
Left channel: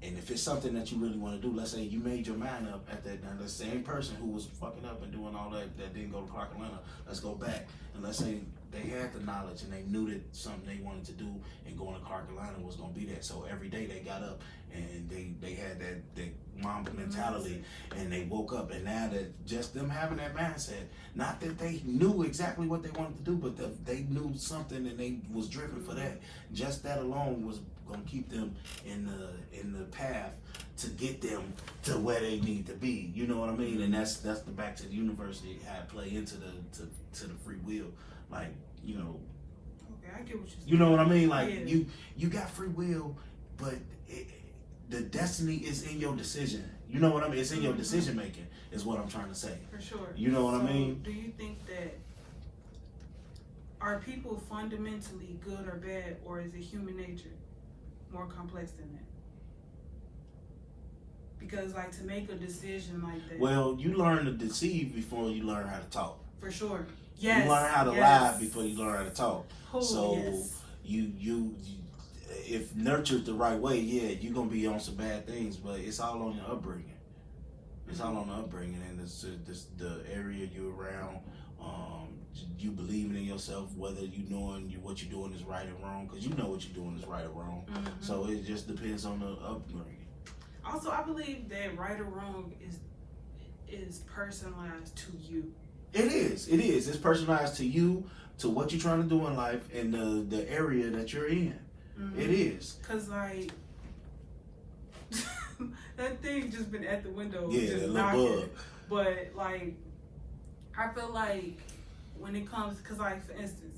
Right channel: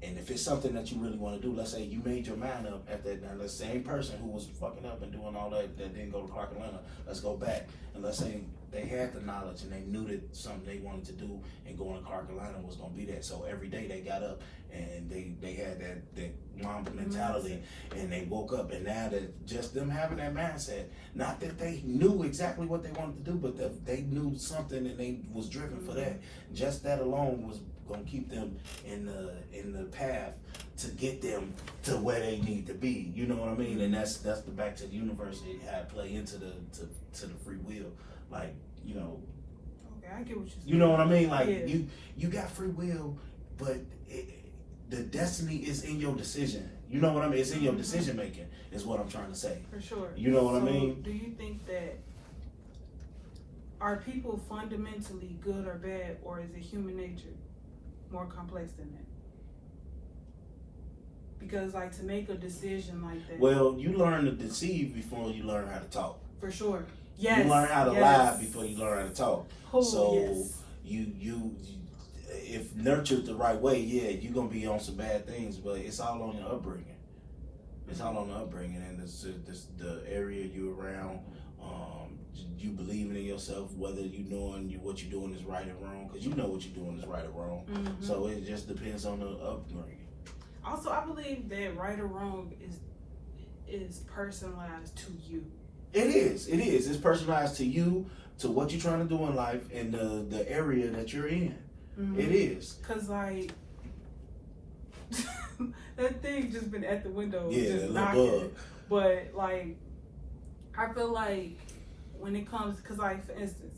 And if it's something that you really want to do, let's say you made your mind up at that, now the same person who was fucking up and doing all that didn't go to Clark, Atlanta, let's go back. And let's say they had the knowledge and they knew that something they wanted to do and going to Clark, Atlanta was going to be that. So every day they got up and they had that Mamba mentality and they woke up. And now that just them having that mindset, not that they knew exactly what they wanted to do, but that they knew something and they was driven for that. Just that alone was going to keep them in the path to get them to where they need to be. You know what I mean? And that's the back to the university, how it play into the free will. Like, Okay, I get what you're saying. You know what I mean? Like, yeah. you got free will, but the destiny is in your decision. You know what I mean? It's in your decision making, is what I'm trying to say. For sure. You know what I mean? Do you think that are people fundamentally good or bad, or is it human nature more complex than that? Because like to make a decision like that. Well, you learn to deceive before you learn how to talk. For sure. Yes. You learn how to lie before you learn how to talk. Oh, so yes. you if nurtured the right way, yeah, you're gonna be on some bad things, but it's all on your upbringing. It's all on the upbringing, and it's the area you're around. You believing in yourself, whether you knowing what you're doing is right or wrong, because you know what you're doing is right or wrong. Mm-hmm. So it just depends on the upbringing. Also, I believe that right or wrong is personalized to you. It is. It's personalized to you, to what you're trying to do in life, and the area that you're in. Mm-hmm. It is. Cause like that thing just been at the window, yeah, just knocking. But like, I feel like when it comes, cause like for instance,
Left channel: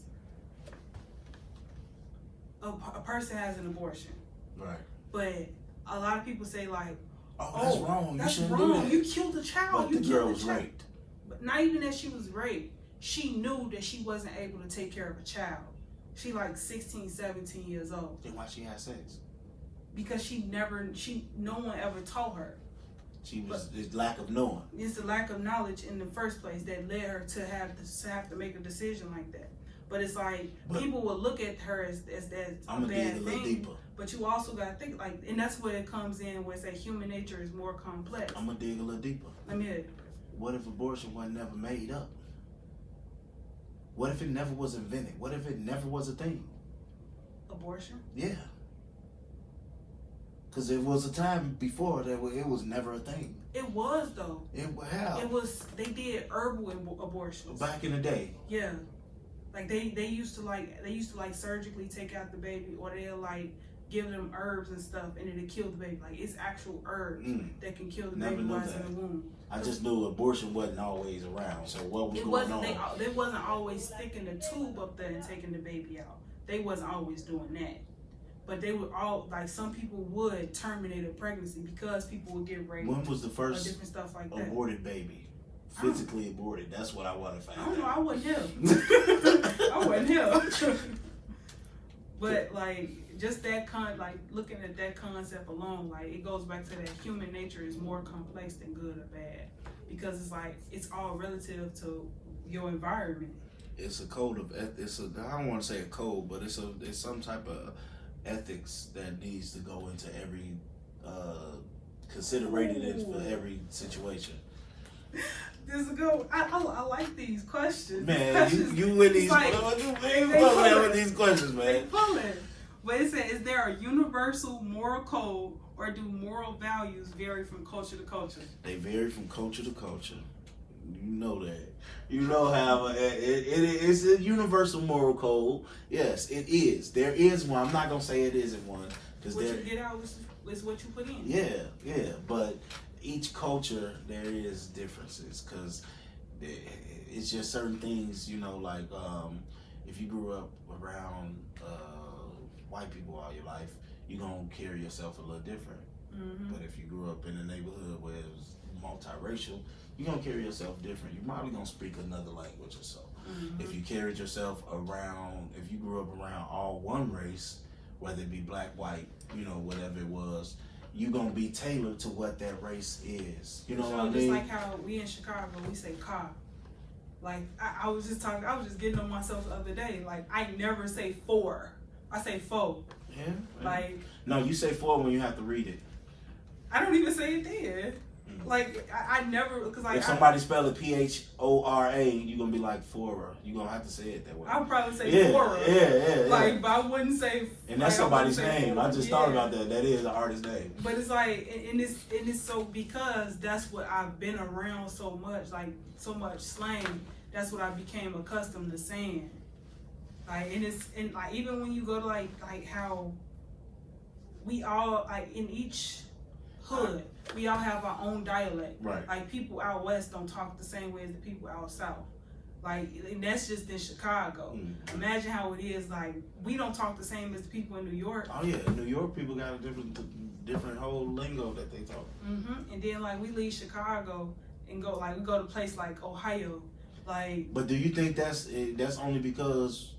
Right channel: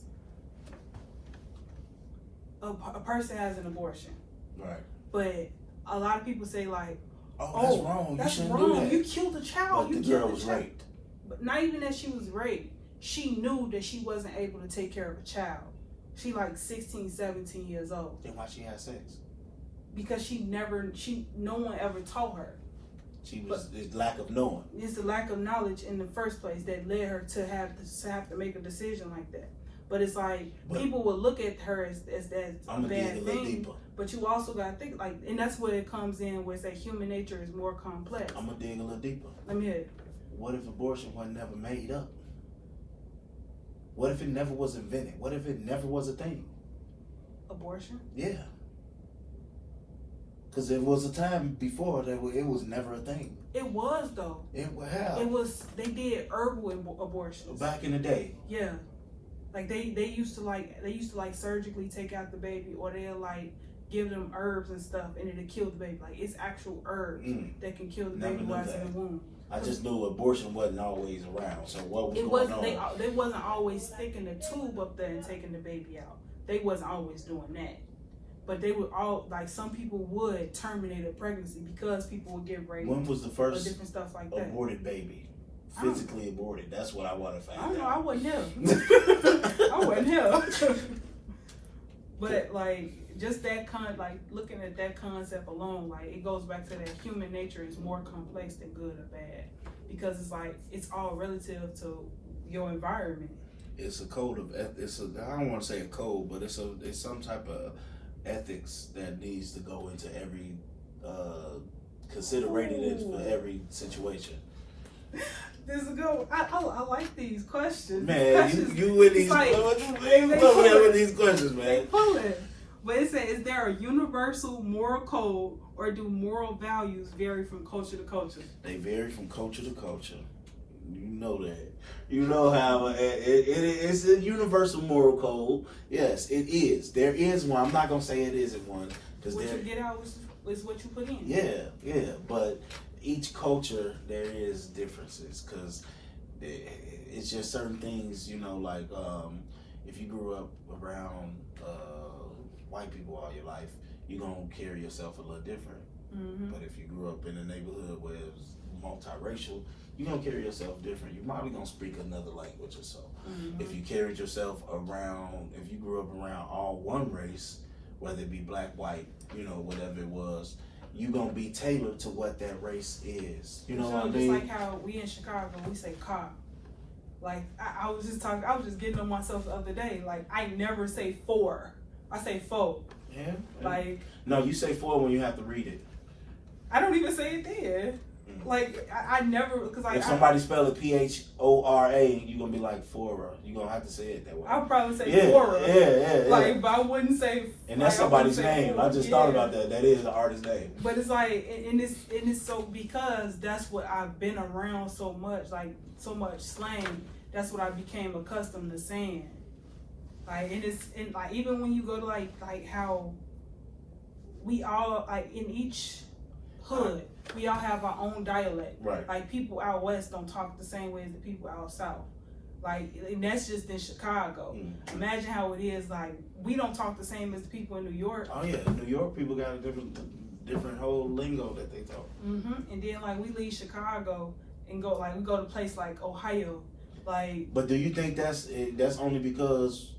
a person has an abortion, right? But a lot of people say like, oh, that's wrong. That's you wrong. Do that. You killed a child. But you the killed girl a was child. raped. But not even that she was raped. She knew that she wasn't able to take care of a child. She like 16, 17 years old. Then why she had sex? Because no one ever taught her. It's lack of knowing. It's the lack of knowledge in the first place that led her to have to make a decision like that. But it's like, people will look at her as that a bad thing. But you also gotta think like, and that's where it comes in, where it's that human nature is more complex. I'm gonna dig a little deeper. Let me hear it. What if abortion was never made up? What if it never was invented? What if it never was a thing? Abortion? Yeah. Because there was a time before that it was never a thing. It was though. How? It was. They did herbal abortions back in the day. Yeah, like they used to like surgically take out the baby, or they'll like give them herbs and stuff, and it'll kill the baby. Like, it's actual herbs that can kill the Never baby knew while it's in that. the womb. I just knew abortion wasn't always around. So what was It going wasn't. on? They wasn't always sticking the tube up there and taking the baby out. They wasn't always doing that. But they would all, like, some people would terminate a pregnancy because people would get raped. When was the or first different stuff like that. aborted baby? Physically aborted. That's what I want to find out. I don't know. I wasn't here. I wasn't here. But like, just that like looking at that concept alone, like, it goes back to that human nature is more complex than good or bad, because it's like it's all relative to your environment. It's a code of I don't want to say a code, but it's some type of ethics that needs to go into every considerated for every situation. This is good. I like these questions. Man, you with these like, with these questions, man. They pulling. But it said, is there a universal moral code, or do moral values vary from culture to culture? They vary from culture to culture. You know that. You know how it's a universal moral code. Yes, it is. There is one. I'm not gonna say it isn't one, because what you get out is what you put in. Yeah. But each culture, there is differences, because it's just certain things. You know, like if you grew up around white people all your life, you're gonna carry yourself a little different. Mm-hmm. But if you grew up in a neighborhood where it was multiracial, you're gonna carry yourself different. You're probably gonna speak another language or so. Mm-hmm. If you carried yourself around, if you grew up around all one race, whether it be black, white, you know, whatever it was, you're gonna be tailored to what that race is. You know what I mean? Just like how we in Chicago, we say car. Like, I was just getting on myself the other day. Like, I never say four. I say four. Yeah. Like, no, you say four when you have to read it. I don't even say it there. Like, I never, because like, if somebody spell it Phora, you're gonna be like Fora. You're gonna have to say it that way. I'll probably say Fora. Yeah. Like, but I wouldn't say. And that's like, somebody's name. Fora. I just thought about that. That is the artist's name. But it's like, and it's so, because that's what I've been around so much, like so much slang. That's what I became accustomed to saying. Like, and like, even when you go to like how we all, like, in each hood, we all have our own dialect. Right. Like, people out west don't talk the same way as the people out south. Like, and that's just in Chicago. Mm-hmm. Imagine how it is, like, we don't talk the same as the people in New York. Oh yeah, New York people got a different whole lingo that they talk. Mm-hmm. And then, like, we leave Chicago and go, like, we go to a place like Ohio. Like, but do you think that's only because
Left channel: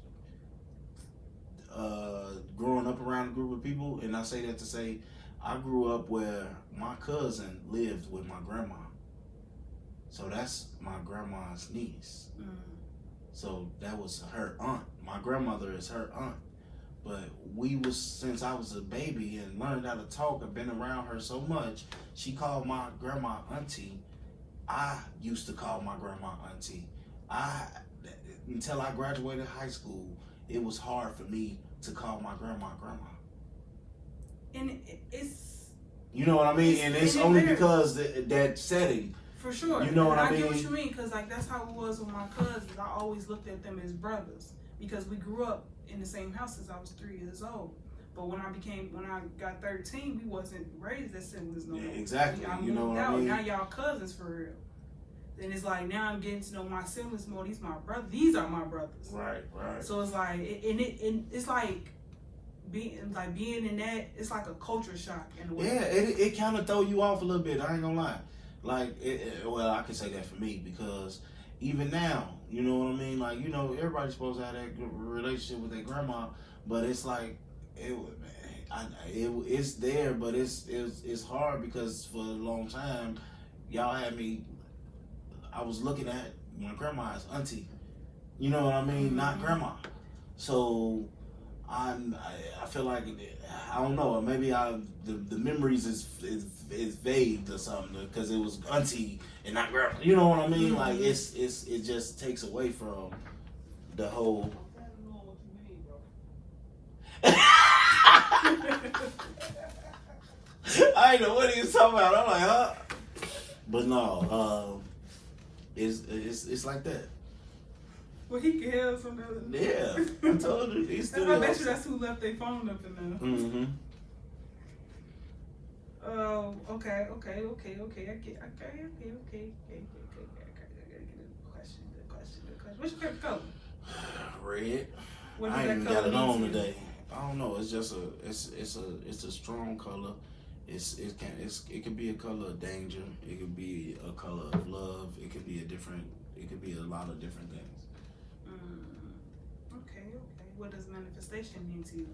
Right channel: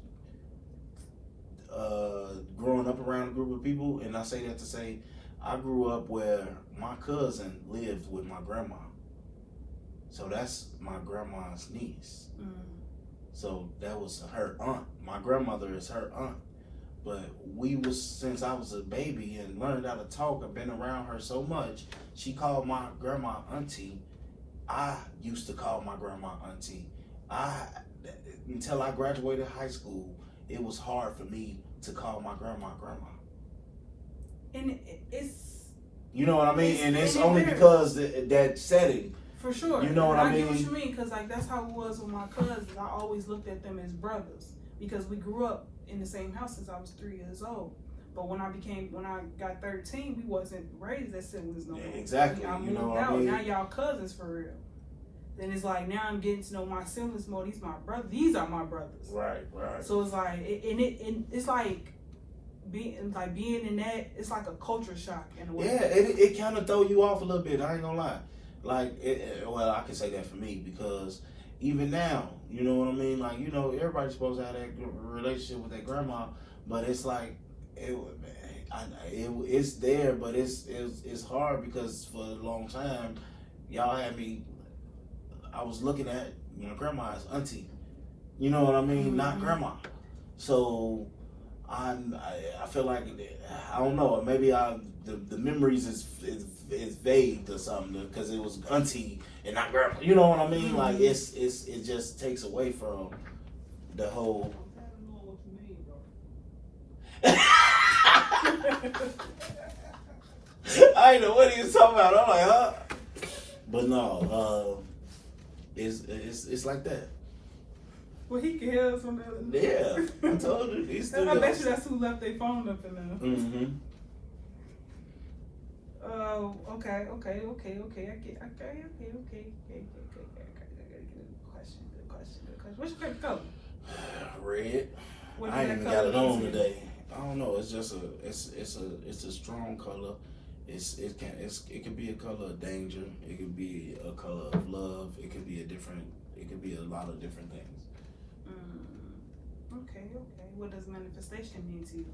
growing up around a group of people? And I say that to say, I grew up where my cousin lived with my grandma. So that's my grandma's niece. mm. So that was her aunt. My grandmother is her aunt. But since I was a baby and learned how to talk, I've been around her so much, she called my grandma auntie. I used to call my grandma auntie. Until I graduated high school, it was hard for me to call my grandma grandma. And it's, you know what I mean? And it's it only varies. because that setting. For sure. You know what I get mean? what you mean, because like that's how it was with my cousins. I always looked at them as brothers because we grew up in the same house since I was 3 years old. But when I got 13, we wasn't raised as siblings no more. Yeah, exactly. I You know moved what I out. mean? Now y'all cousins for real. Then it's like, now I'm getting to know my siblings more. These my brothers. These are my brothers. Right. So it's like, it's like being in that. It's like a culture shock in a way. Yeah, it kind of throw you off a little bit. I ain't gonna lie. Like, well, I can say that for me, because even now, you know what I mean? Like, you know, everybody's supposed to have that good relationship with their grandma, but it's like, it's there, but it's hard, because for a long time, y'all had me, I was looking at my grandma as auntie. You know what I mean? Mm-hmm. Not grandma. So I feel like, I don't know, maybe the memories is vague or something, because it was auntie and not grandma. You know what I mean? Mm-hmm. Like, it just takes away from the whole. I ain't know what he was talking about. I'm like, huh? But no, it's like that. Well, he can hear us on the. Yeah, I told you. He's still I bet you that's who left their phone up in there. Mm-hmm. Oh, okay. Good question. What's your favorite color? Red. What I does ain't that even got color it mean on to you? today. I don't know. It's just it's a strong color. It could be a color of danger. It could be a color of love. It could be a lot of different things. Okay. What does manifestation mean to you?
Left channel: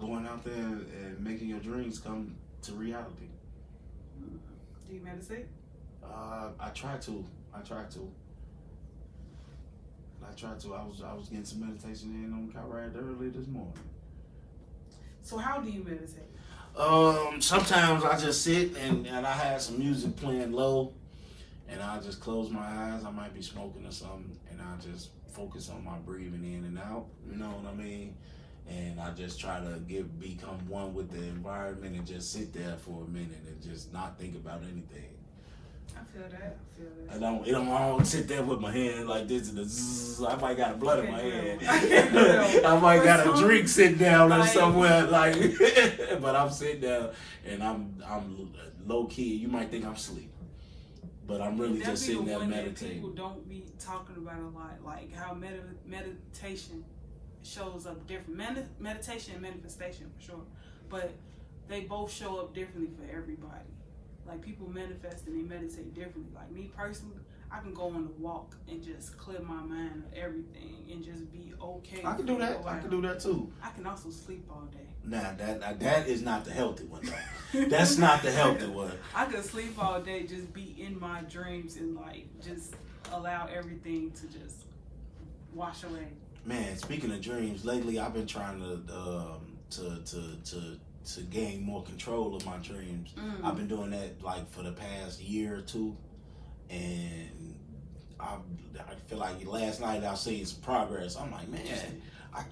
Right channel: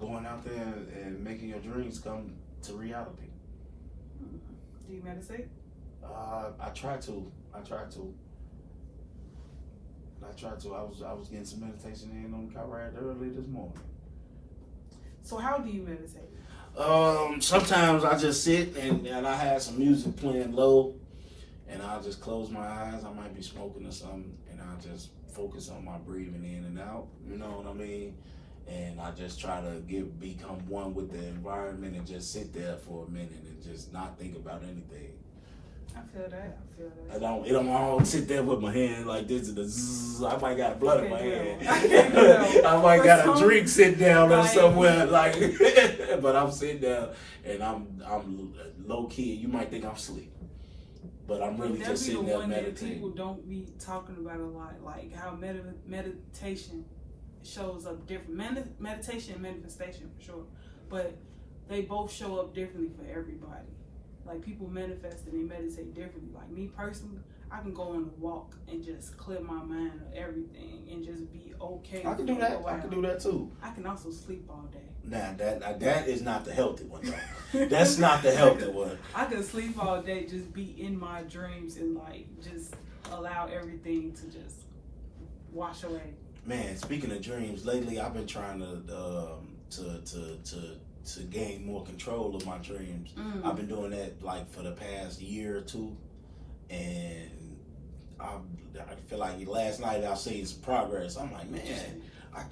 Going out there and making your dreams come to reality. Do you meditate? I try to. I was getting some meditation in on the car ride early this morning. So how do you meditate? Sometimes I just sit and I have some music playing low, and I just close my eyes. I might be smoking or something, and I just focus on my breathing in and out. You know what I mean? And I just try to become one with the environment and just sit there for a minute and just not think about anything. I feel that. It don't always sit there with my hand like this and the zzz. I might got a blood in my hand. I might got a drink sitting down or somewhere like but I'm sitting there and I'm low key. You might think I'm asleep. But I'm really just sitting there meditating. People don't be talking about a lot, like how meditation shows up different. Meditation and manifestation for sure, but they both show up differently for everybody. Like people manifest and they meditate differently. Like me personally, I can go on a walk and just clear my mind of everything and just be okay. I can do that. I can do that too. I can also sleep all day. Nah, that is not the healthy one though. That's not the healthy one. I could sleep all day, just be in my dreams and like just allow everything to just wash away. Man, speaking of dreams, lately I've been trying to gain more control of my dreams. I've been doing that like for the past year or two, and I feel like last night I seen some progress. I'm like, man, I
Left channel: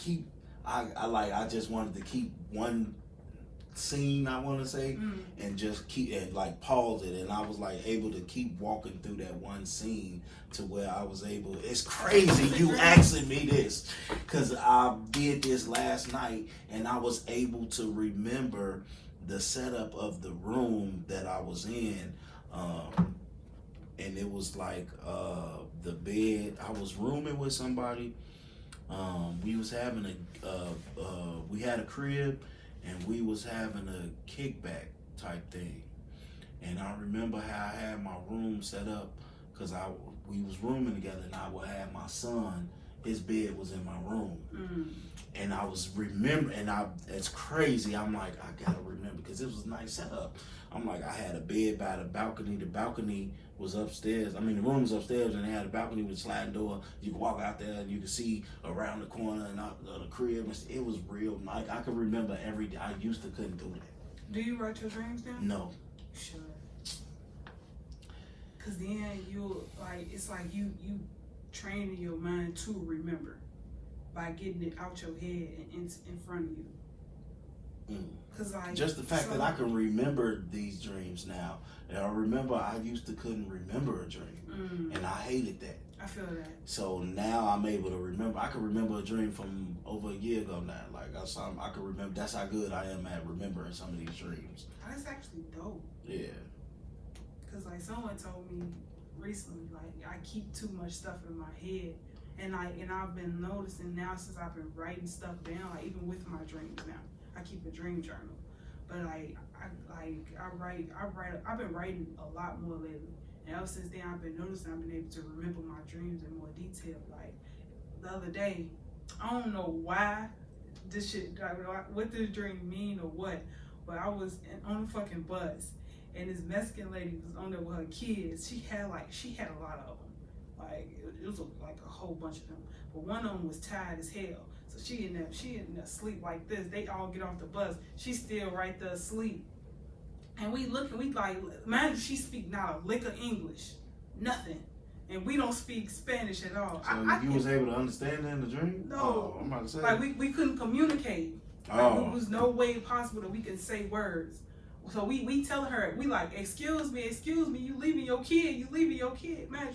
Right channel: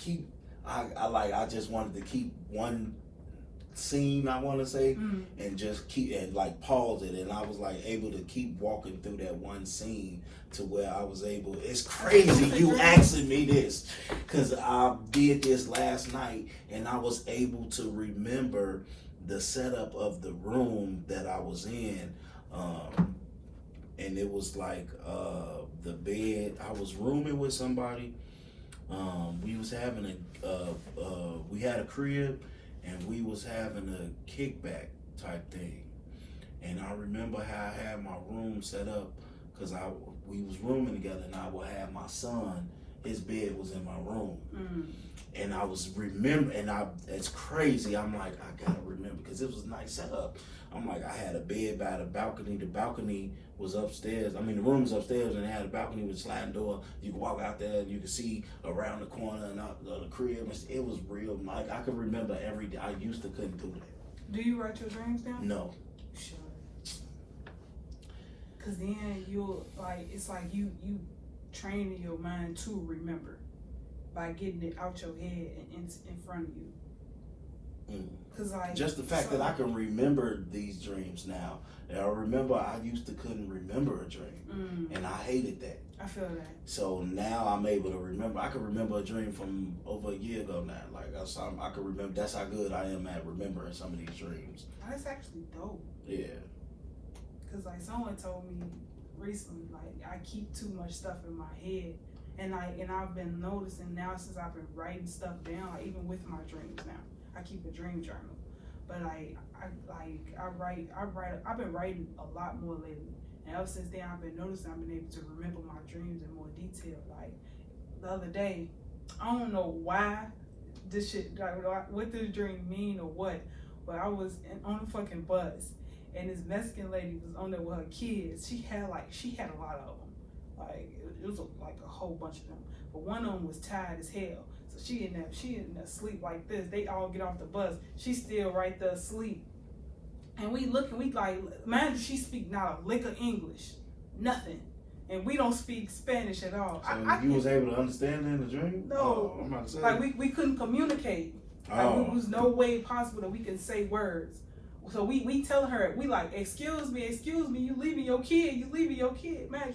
just wanted to keep one scene, I want to say, and just keep and like pause it, and I was like able to keep walking through that one scene to where I was able. It's crazy you asking me this, because I did this last night and I was able to remember the setup of the room that I was in, and it was like the bed. I was rooming with somebody. We was having we had a crib, and we was having a kickback type thing. And I remember how I had my room set up, because we was rooming together, and I would have my son, his bed was in my room. And I was remembering, and it's crazy, I'm like, I gotta remember, because it was a nice setup. I'm like, I had a bed by the balcony was upstairs. I mean, the room was upstairs, and it had a balcony with a sliding door. You could walk out there, and you could see around the corner and out the crib. It was real. Like, I could remember every day. I used to couldn't do that. Do you write your dreams down? No. You should. Because then you'll, like, it's like you training your mind to remember by getting it out your head and in front of you. Cause like, just the fact that I can remember these dreams now. And I remember I used to couldn't remember a dream, and I hated that. I feel that. So now I'm able to remember. I can remember a dream from over a year ago now. Like I can remember. That's how good I am at remembering some of these dreams. That's actually dope. Yeah. Cause like someone told me recently, like I keep too much stuff in my head, and I've been noticing now since I've been writing stuff down, like even with my dreams now. I keep a dream journal, but I've been writing a lot more lately, and ever since then I've been noticing I've been able to remember my dreams in more detail. Like the other day, I don't know why this shit, like, what this dream mean or what, but I was on the fucking bus, and this Mexican lady was on there with her kids. She had a lot of them, like it was like a whole bunch of them, but one of them was tired as hell. So she in there sleep like this. They all get off the bus. She's still right there asleep. And we like, mind you, she speak not a lick of English, nothing. And we don't speak Spanish at all. So you was able to understand in the dream? No. Oh, I'm about to say. Like we couldn't communicate. Like there was no way possible that we could say words. So we tell her, we like, excuse me, you leaving your kid. Man,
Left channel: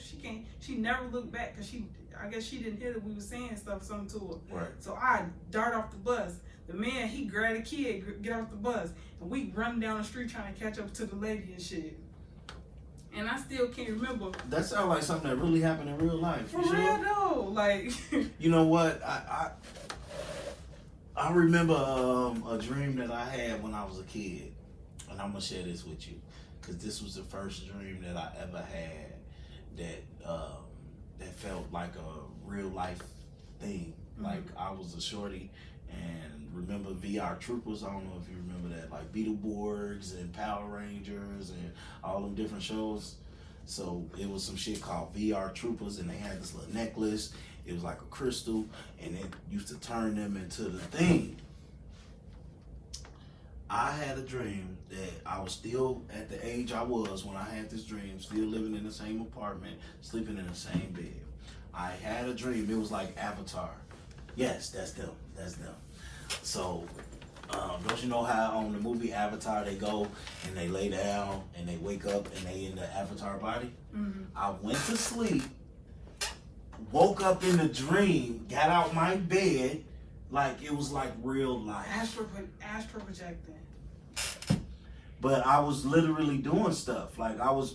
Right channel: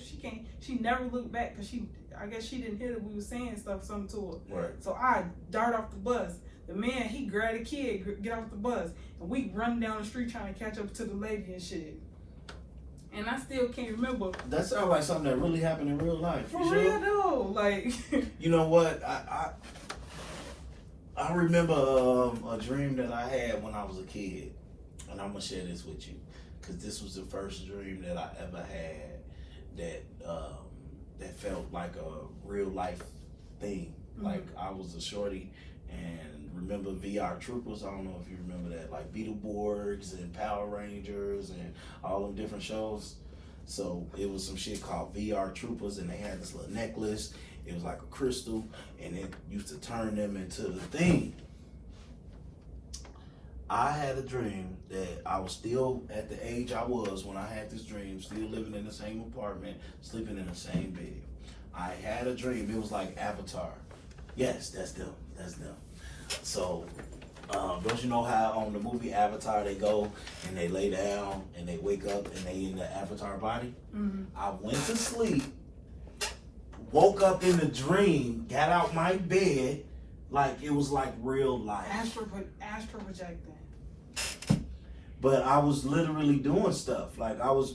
she never looked back because I guess she didn't hear that we were saying something to her. Right. So I dart off the bus. The man, he grabbed a kid, get off the bus, and we run down the street trying to catch up to the lady and shit. And I still can't remember. That sounds like something that really happened in real life. For real though, like. You know what? I remember a dream that I had when I was a kid, and I'm gonna share this with you, because this was the first dream that I ever had that felt like a real life thing. Mm-hmm. Like I was a shorty, and remember VR Troopers? I don't know if you remember that, like Beetleborgs and Power Rangers and all them different shows. So it was some shit called VR Troopers, and they had this little necklace. It was like a crystal, and it used to turn them into the thing. I had a dream that I was still at the age I was when I had this dream, still living in the same apartment, sleeping in the same bed. I had a dream. It was like Avatar. Yes, that's them. So, don't you know how on the movie Avatar they go and they lay down and they wake up and they in the Avatar body? Mm-hmm. I went to sleep, woke up in a dream, got out my bed, like it was like real life. Astro projecting. But I was literally doing stuff. Like it was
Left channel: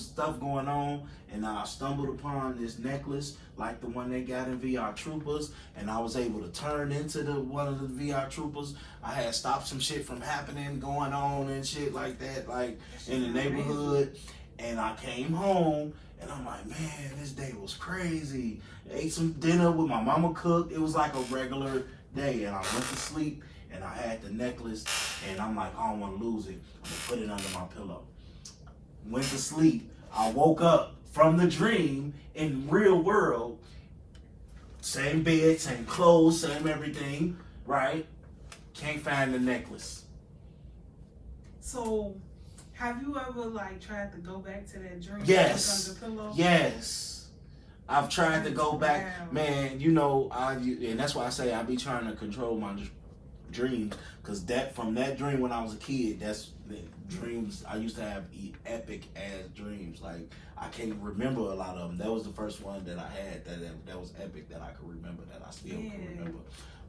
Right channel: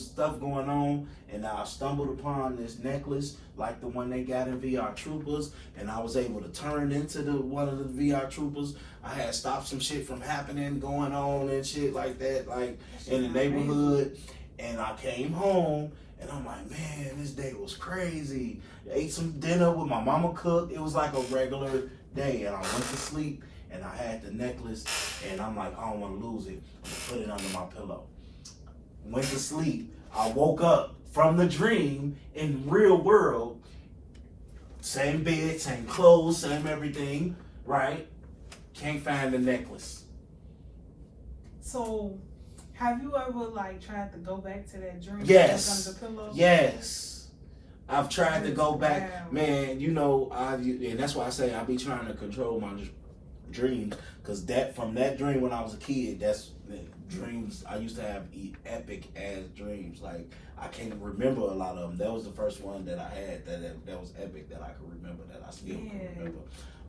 stuff going on, and I stumbled upon this necklace, like the one they got in VR Troopers, and I was able to turn into one of the VR Troopers. I had stopped some shit from happening, going on and shit like that, like in the neighborhood. And I came home, and I'm like, man, this day was crazy. I ate some dinner with my mama cooked. It was like a regular day, and I went to sleep. And I had the necklace, and I'm like, I don't want to lose it. I'm going to put it under my pillow. Went to sleep. I woke up from the dream in real world. Same bed, same clothes, same everything, right? Can't find the necklace. So, have you ever tried to go back to that dream? Yes. Under the pillow? Yes. I've tried to go back. Man, and that's why I say I be trying to control my dreams, because from that dream when I was a kid, that's dreams I used to have epic ass dreams. Like I can't remember a lot of them. That was the first one that I had that was epic that I could remember, that I still can remember.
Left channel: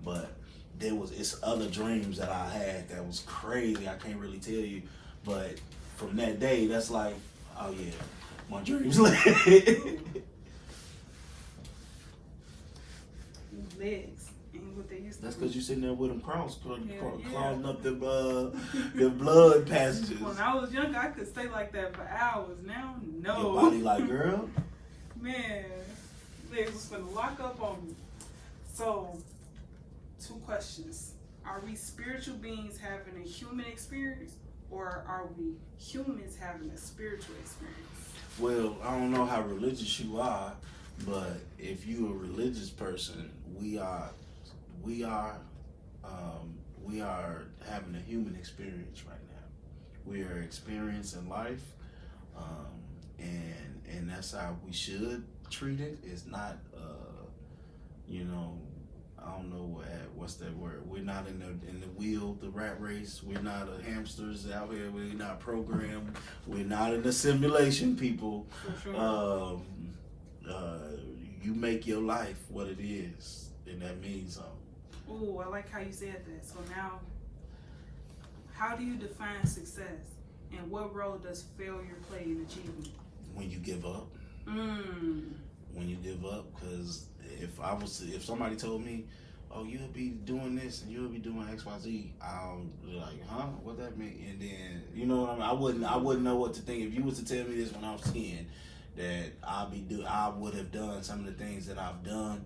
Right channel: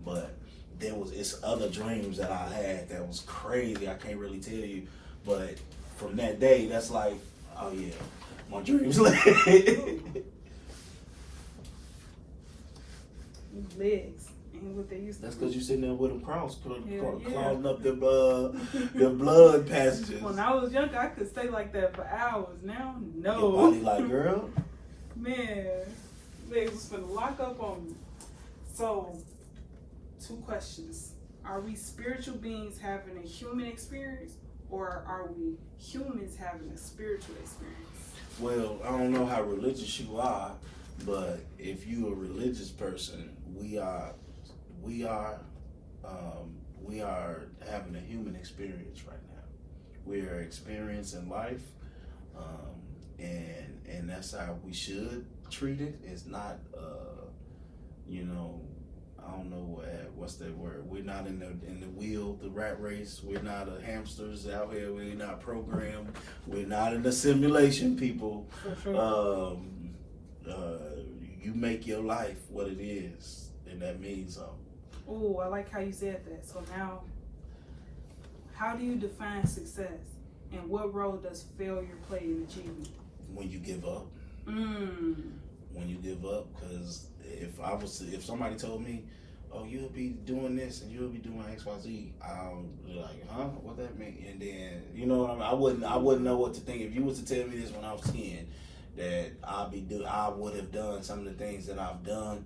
But it's other dreams that I had that was crazy. I can't really tell you, but from that day, that's like, oh yeah, my dreams lit. Legs. What they used to That's because you're sitting there with them clogging up the blood passages. When I was younger, I could stay like that for hours. Now, no. Your body like, girl? Man, they was finna lock up on me. So, 2 questions. Are we spiritual beings having a human experience, or are we humans having a spiritual experience? Well, I don't know how religious you are, but if you're a religious person, we are having a human experience right now. We are experiencing life, and that's how we should treat it. It's not, I don't know what's that word. We're not in the wheel, the rat race. We're not hamsters out here. We're not programmed. We're not in the simulation, people. For sure. You make your life what it is, and that means something. Oh, I like how you said that. So now, how do you define success, and what role does failure play in achievement? When you give up. When you give up, because if somebody told me, oh, you'll be doing this and you'll be doing X, Y, Z, I'll be like, huh? What that mean? And then, you know what I mean? I wouldn't know what to think. If you was to tell me this when I was 10, that I would have done some of the things that I've done,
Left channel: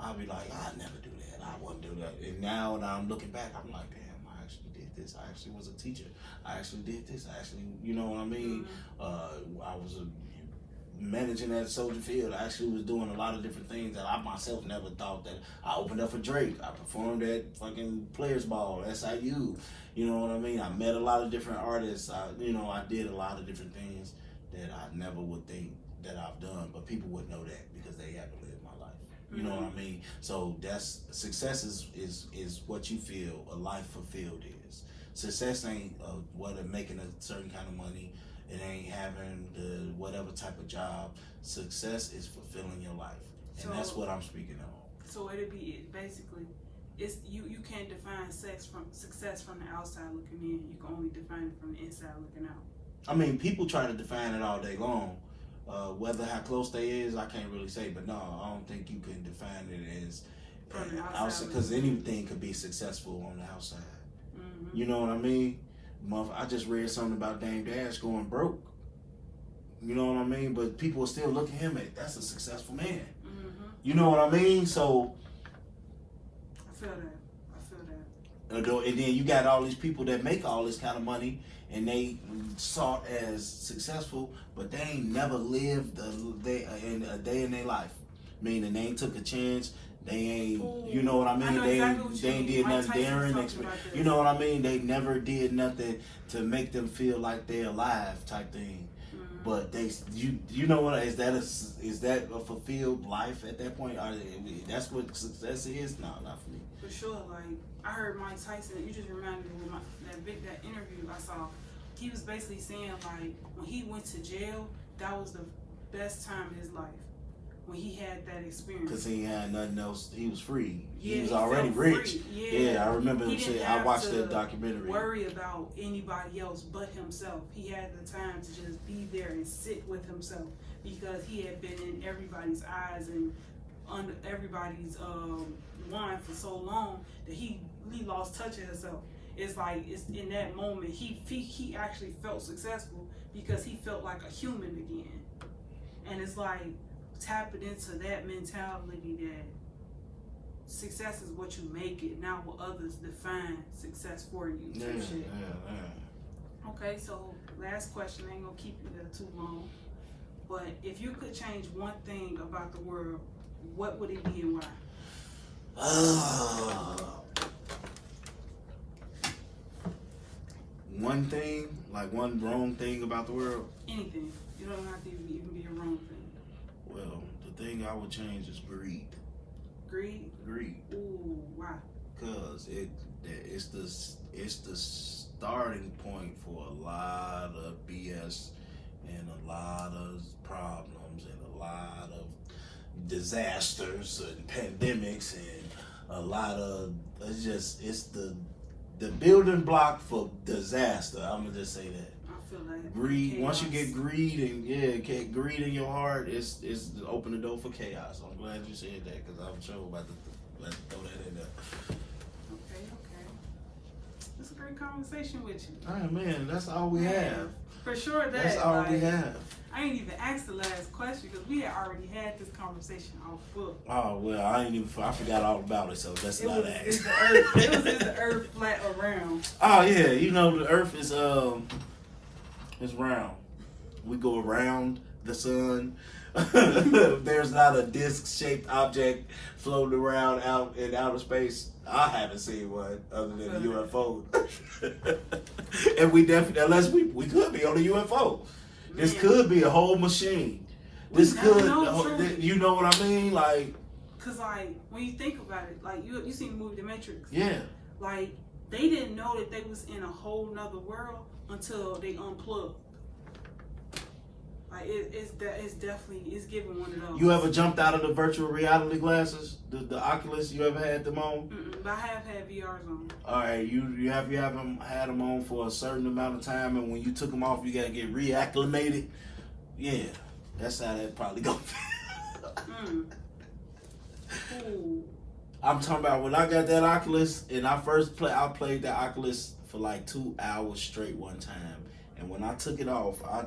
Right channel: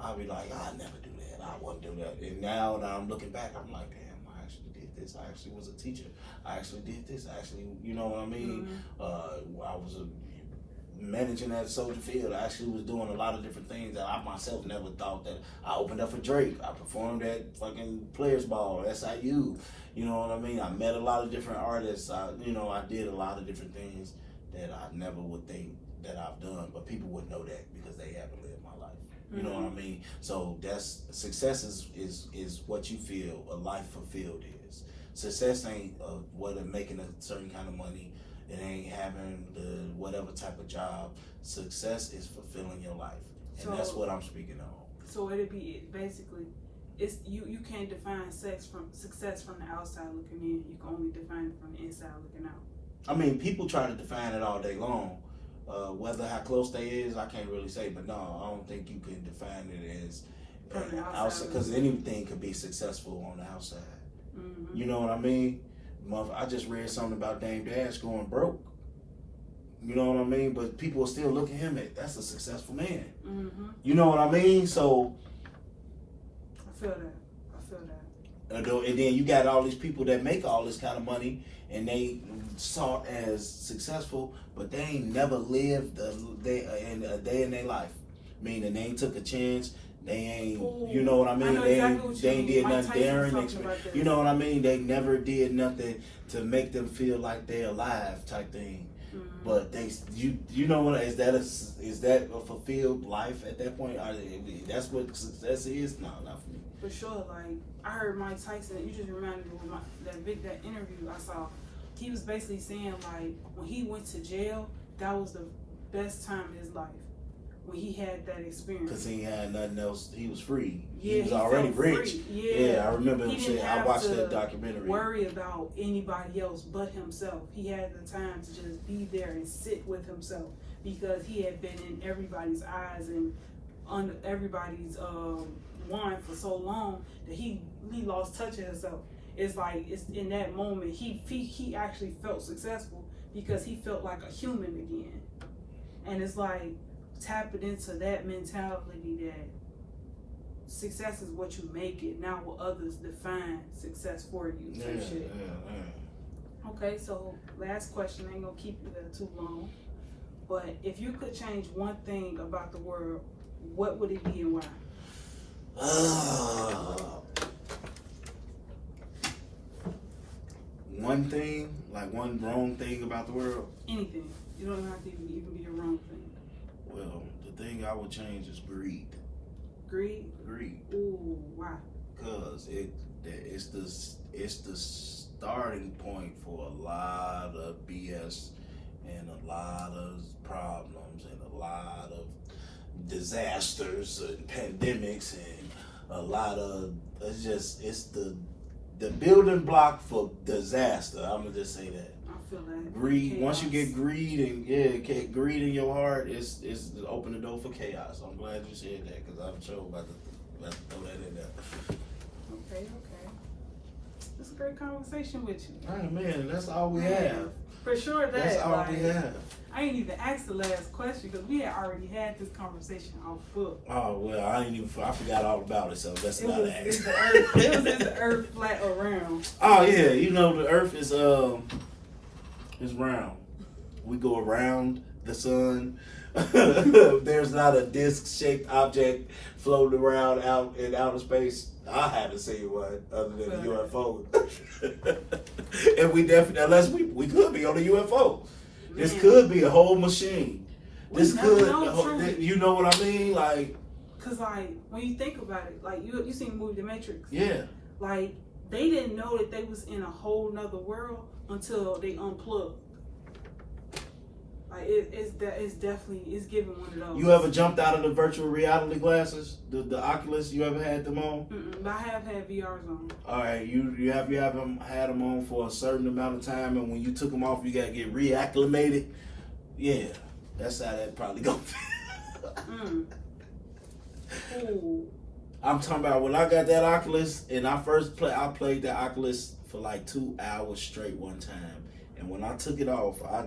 I'd be like, I'd never do that. I wouldn't do that. And now that I'm looking back, I'm like, damn, I actually did this. I actually was a teacher. I actually did this. I actually, you know what I mean? I was managing at Soldier Field. I actually was doing a lot of different things that I myself never thought. That I opened up for Drake. I performed at fucking Players Ball, SIU. You know what I mean? I met a lot of different artists. I did a lot of different things that I never would think that I've done, but people would know that because they haven't lived my life. You know what I mean? So that's success is what you feel a life fulfilled is. Success ain't making a certain kind of money. It ain't having the whatever type of job. Success is fulfilling your life, and that's what I'm speaking of. So it'd be basically, it's you can't define success from the outside looking in. You can only define it from the inside looking out. I mean, people try to define it all day long. Whether how close they is, I can't really say. But no, I don't think you can define it as From the outside, because anything could be successful on the outside. Mm-hmm. You know what I mean? I just read something about Dame Dash going broke. You know what I mean? But people still look at him at that's a successful man. Mm-hmm. You know what I mean? So I feel that. and then you got all these people that make all this kind of money and they sought as successful, but they ain't never lived a day in their life. Meaning they ain't took a chance. They ain't, you know what I mean? They ain't did nothing daring. You know what I mean? They never did nothing to make them feel like they're alive, type thing. Mm-hmm. But you know what? Is that a fulfilled life at that point? That's what success is? No, not for me. For sure. Like I heard Mike Tyson. You just reminded me of that interview I saw. He was basically saying like when he went to jail, that was the best time of his life. When he had that experience. Because he had nothing else. He was free. Yeah, he was already rich. Free. Yeah, I remember him saying, I watched that documentary. Worry about anybody else but himself. He had the time to just be there and sit with himself because he had been in everybody's eyes and under everybody's wine for so long that he lost touch of himself. It's like it's in that moment he actually felt successful because he felt like a human again. And it's like tapping into that mentality that success is what you make it, not what others define success for you. Okay, so last question. I ain't gonna keep you there too long. But if you could change one thing about the world, what would it be and why? One thing, like one wrong thing about the world? Anything. You don't have to even be a wrong thing. Well, the thing I would change is greed. Greed? Greed. Ooh, why? Because it's the starting point for a lot of BS and a lot of problems and a lot of disasters and pandemics and a lot of it's the building block for disaster. I'm gonna just say that. I feel that greed. chaos. Once you get greed and greed in your heart, it's open the door for chaos. I'm glad you said that because I'm sure about to throw that in there. Okay. It's a great conversation with you. Oh man, that's all we have. For sure, that's all we have. I ain't even asked the last question because we had already had this conversation off book. Oh well, I forgot all about it, so that's not ask. Is the earth flat or round? Oh yeah, you know the earth is round. We go around the sun. There's not a disc-shaped object floating around out in outer space. I haven't seen one other than a UFO. And we definitely, unless we could be on a UFO. Man. This could be a whole machine. This could, you know what I mean? Like, cause like when you think about it, like you seen the movie The Matrix. Yeah. Like they didn't know that they was in a whole nother world until they unplugged. Like it's definitely giving one of those. You ever jumped out of the virtual reality glasses, the Oculus? You ever had them on? But I have had VRs on. All right, you haven't had them on for a certain amount of time, and when you took them off, you got to get reacclimated. Yeah, that's how that probably goes. I'm talking about when I got that Oculus, and I played that Oculus for like 2 hours straight one time. And when I took it off, I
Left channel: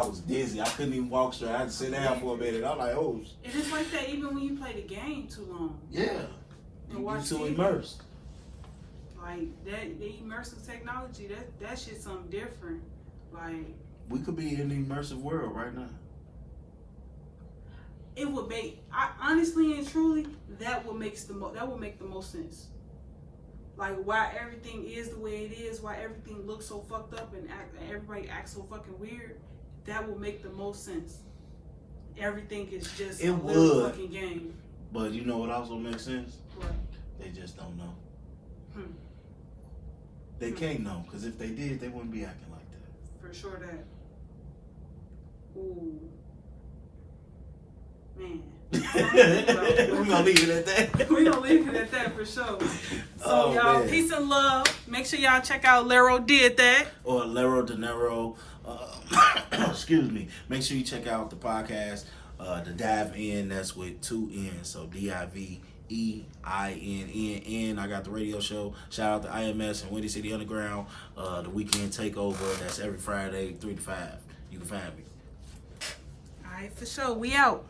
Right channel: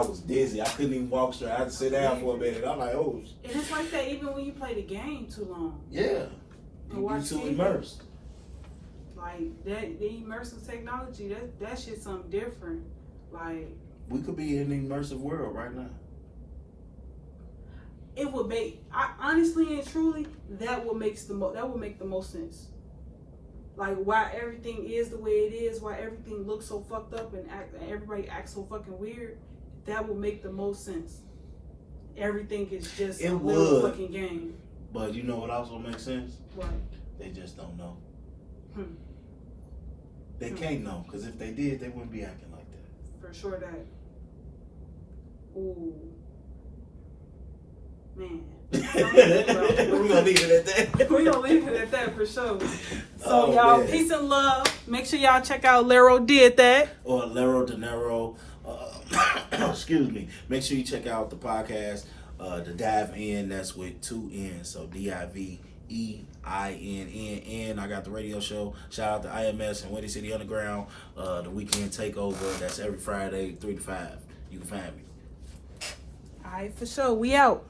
was dizzy. I couldn't even walk straight. I had to sit down for a minute. I'm like, oh. And it's like that even when you play the game too long. Yeah. And watch too TV. immersed. Like that, the immersive technology, that shit's something different. Like we could be in the immersive world right now. It would honestly and truly, that would make the most sense. Like why everything is the way it is, why everything looks so fucked up and everybody acts so fucking weird, that would make the most sense. Everything is just a little fucking game. But you know what also makes sense? What? They just don't know. They can't know, because if they did, they wouldn't be acting like that. For sure that. Ooh. Man. We're gonna leave it at that. We're gonna leave it at that for sure. So Oh, y'all, man. peace and love. Make sure y'all check out Lero Did That. Or Lero De Niro. Excuse me. Make sure you check out the podcast, The Dive In. That's with 2 N's. So DIVEINNN. I got the radio show. Shout out to IMS and Windy City Underground. The Weekend Takeover. That's every Friday, 3 to 5. You can find me. All right, for sure. We out.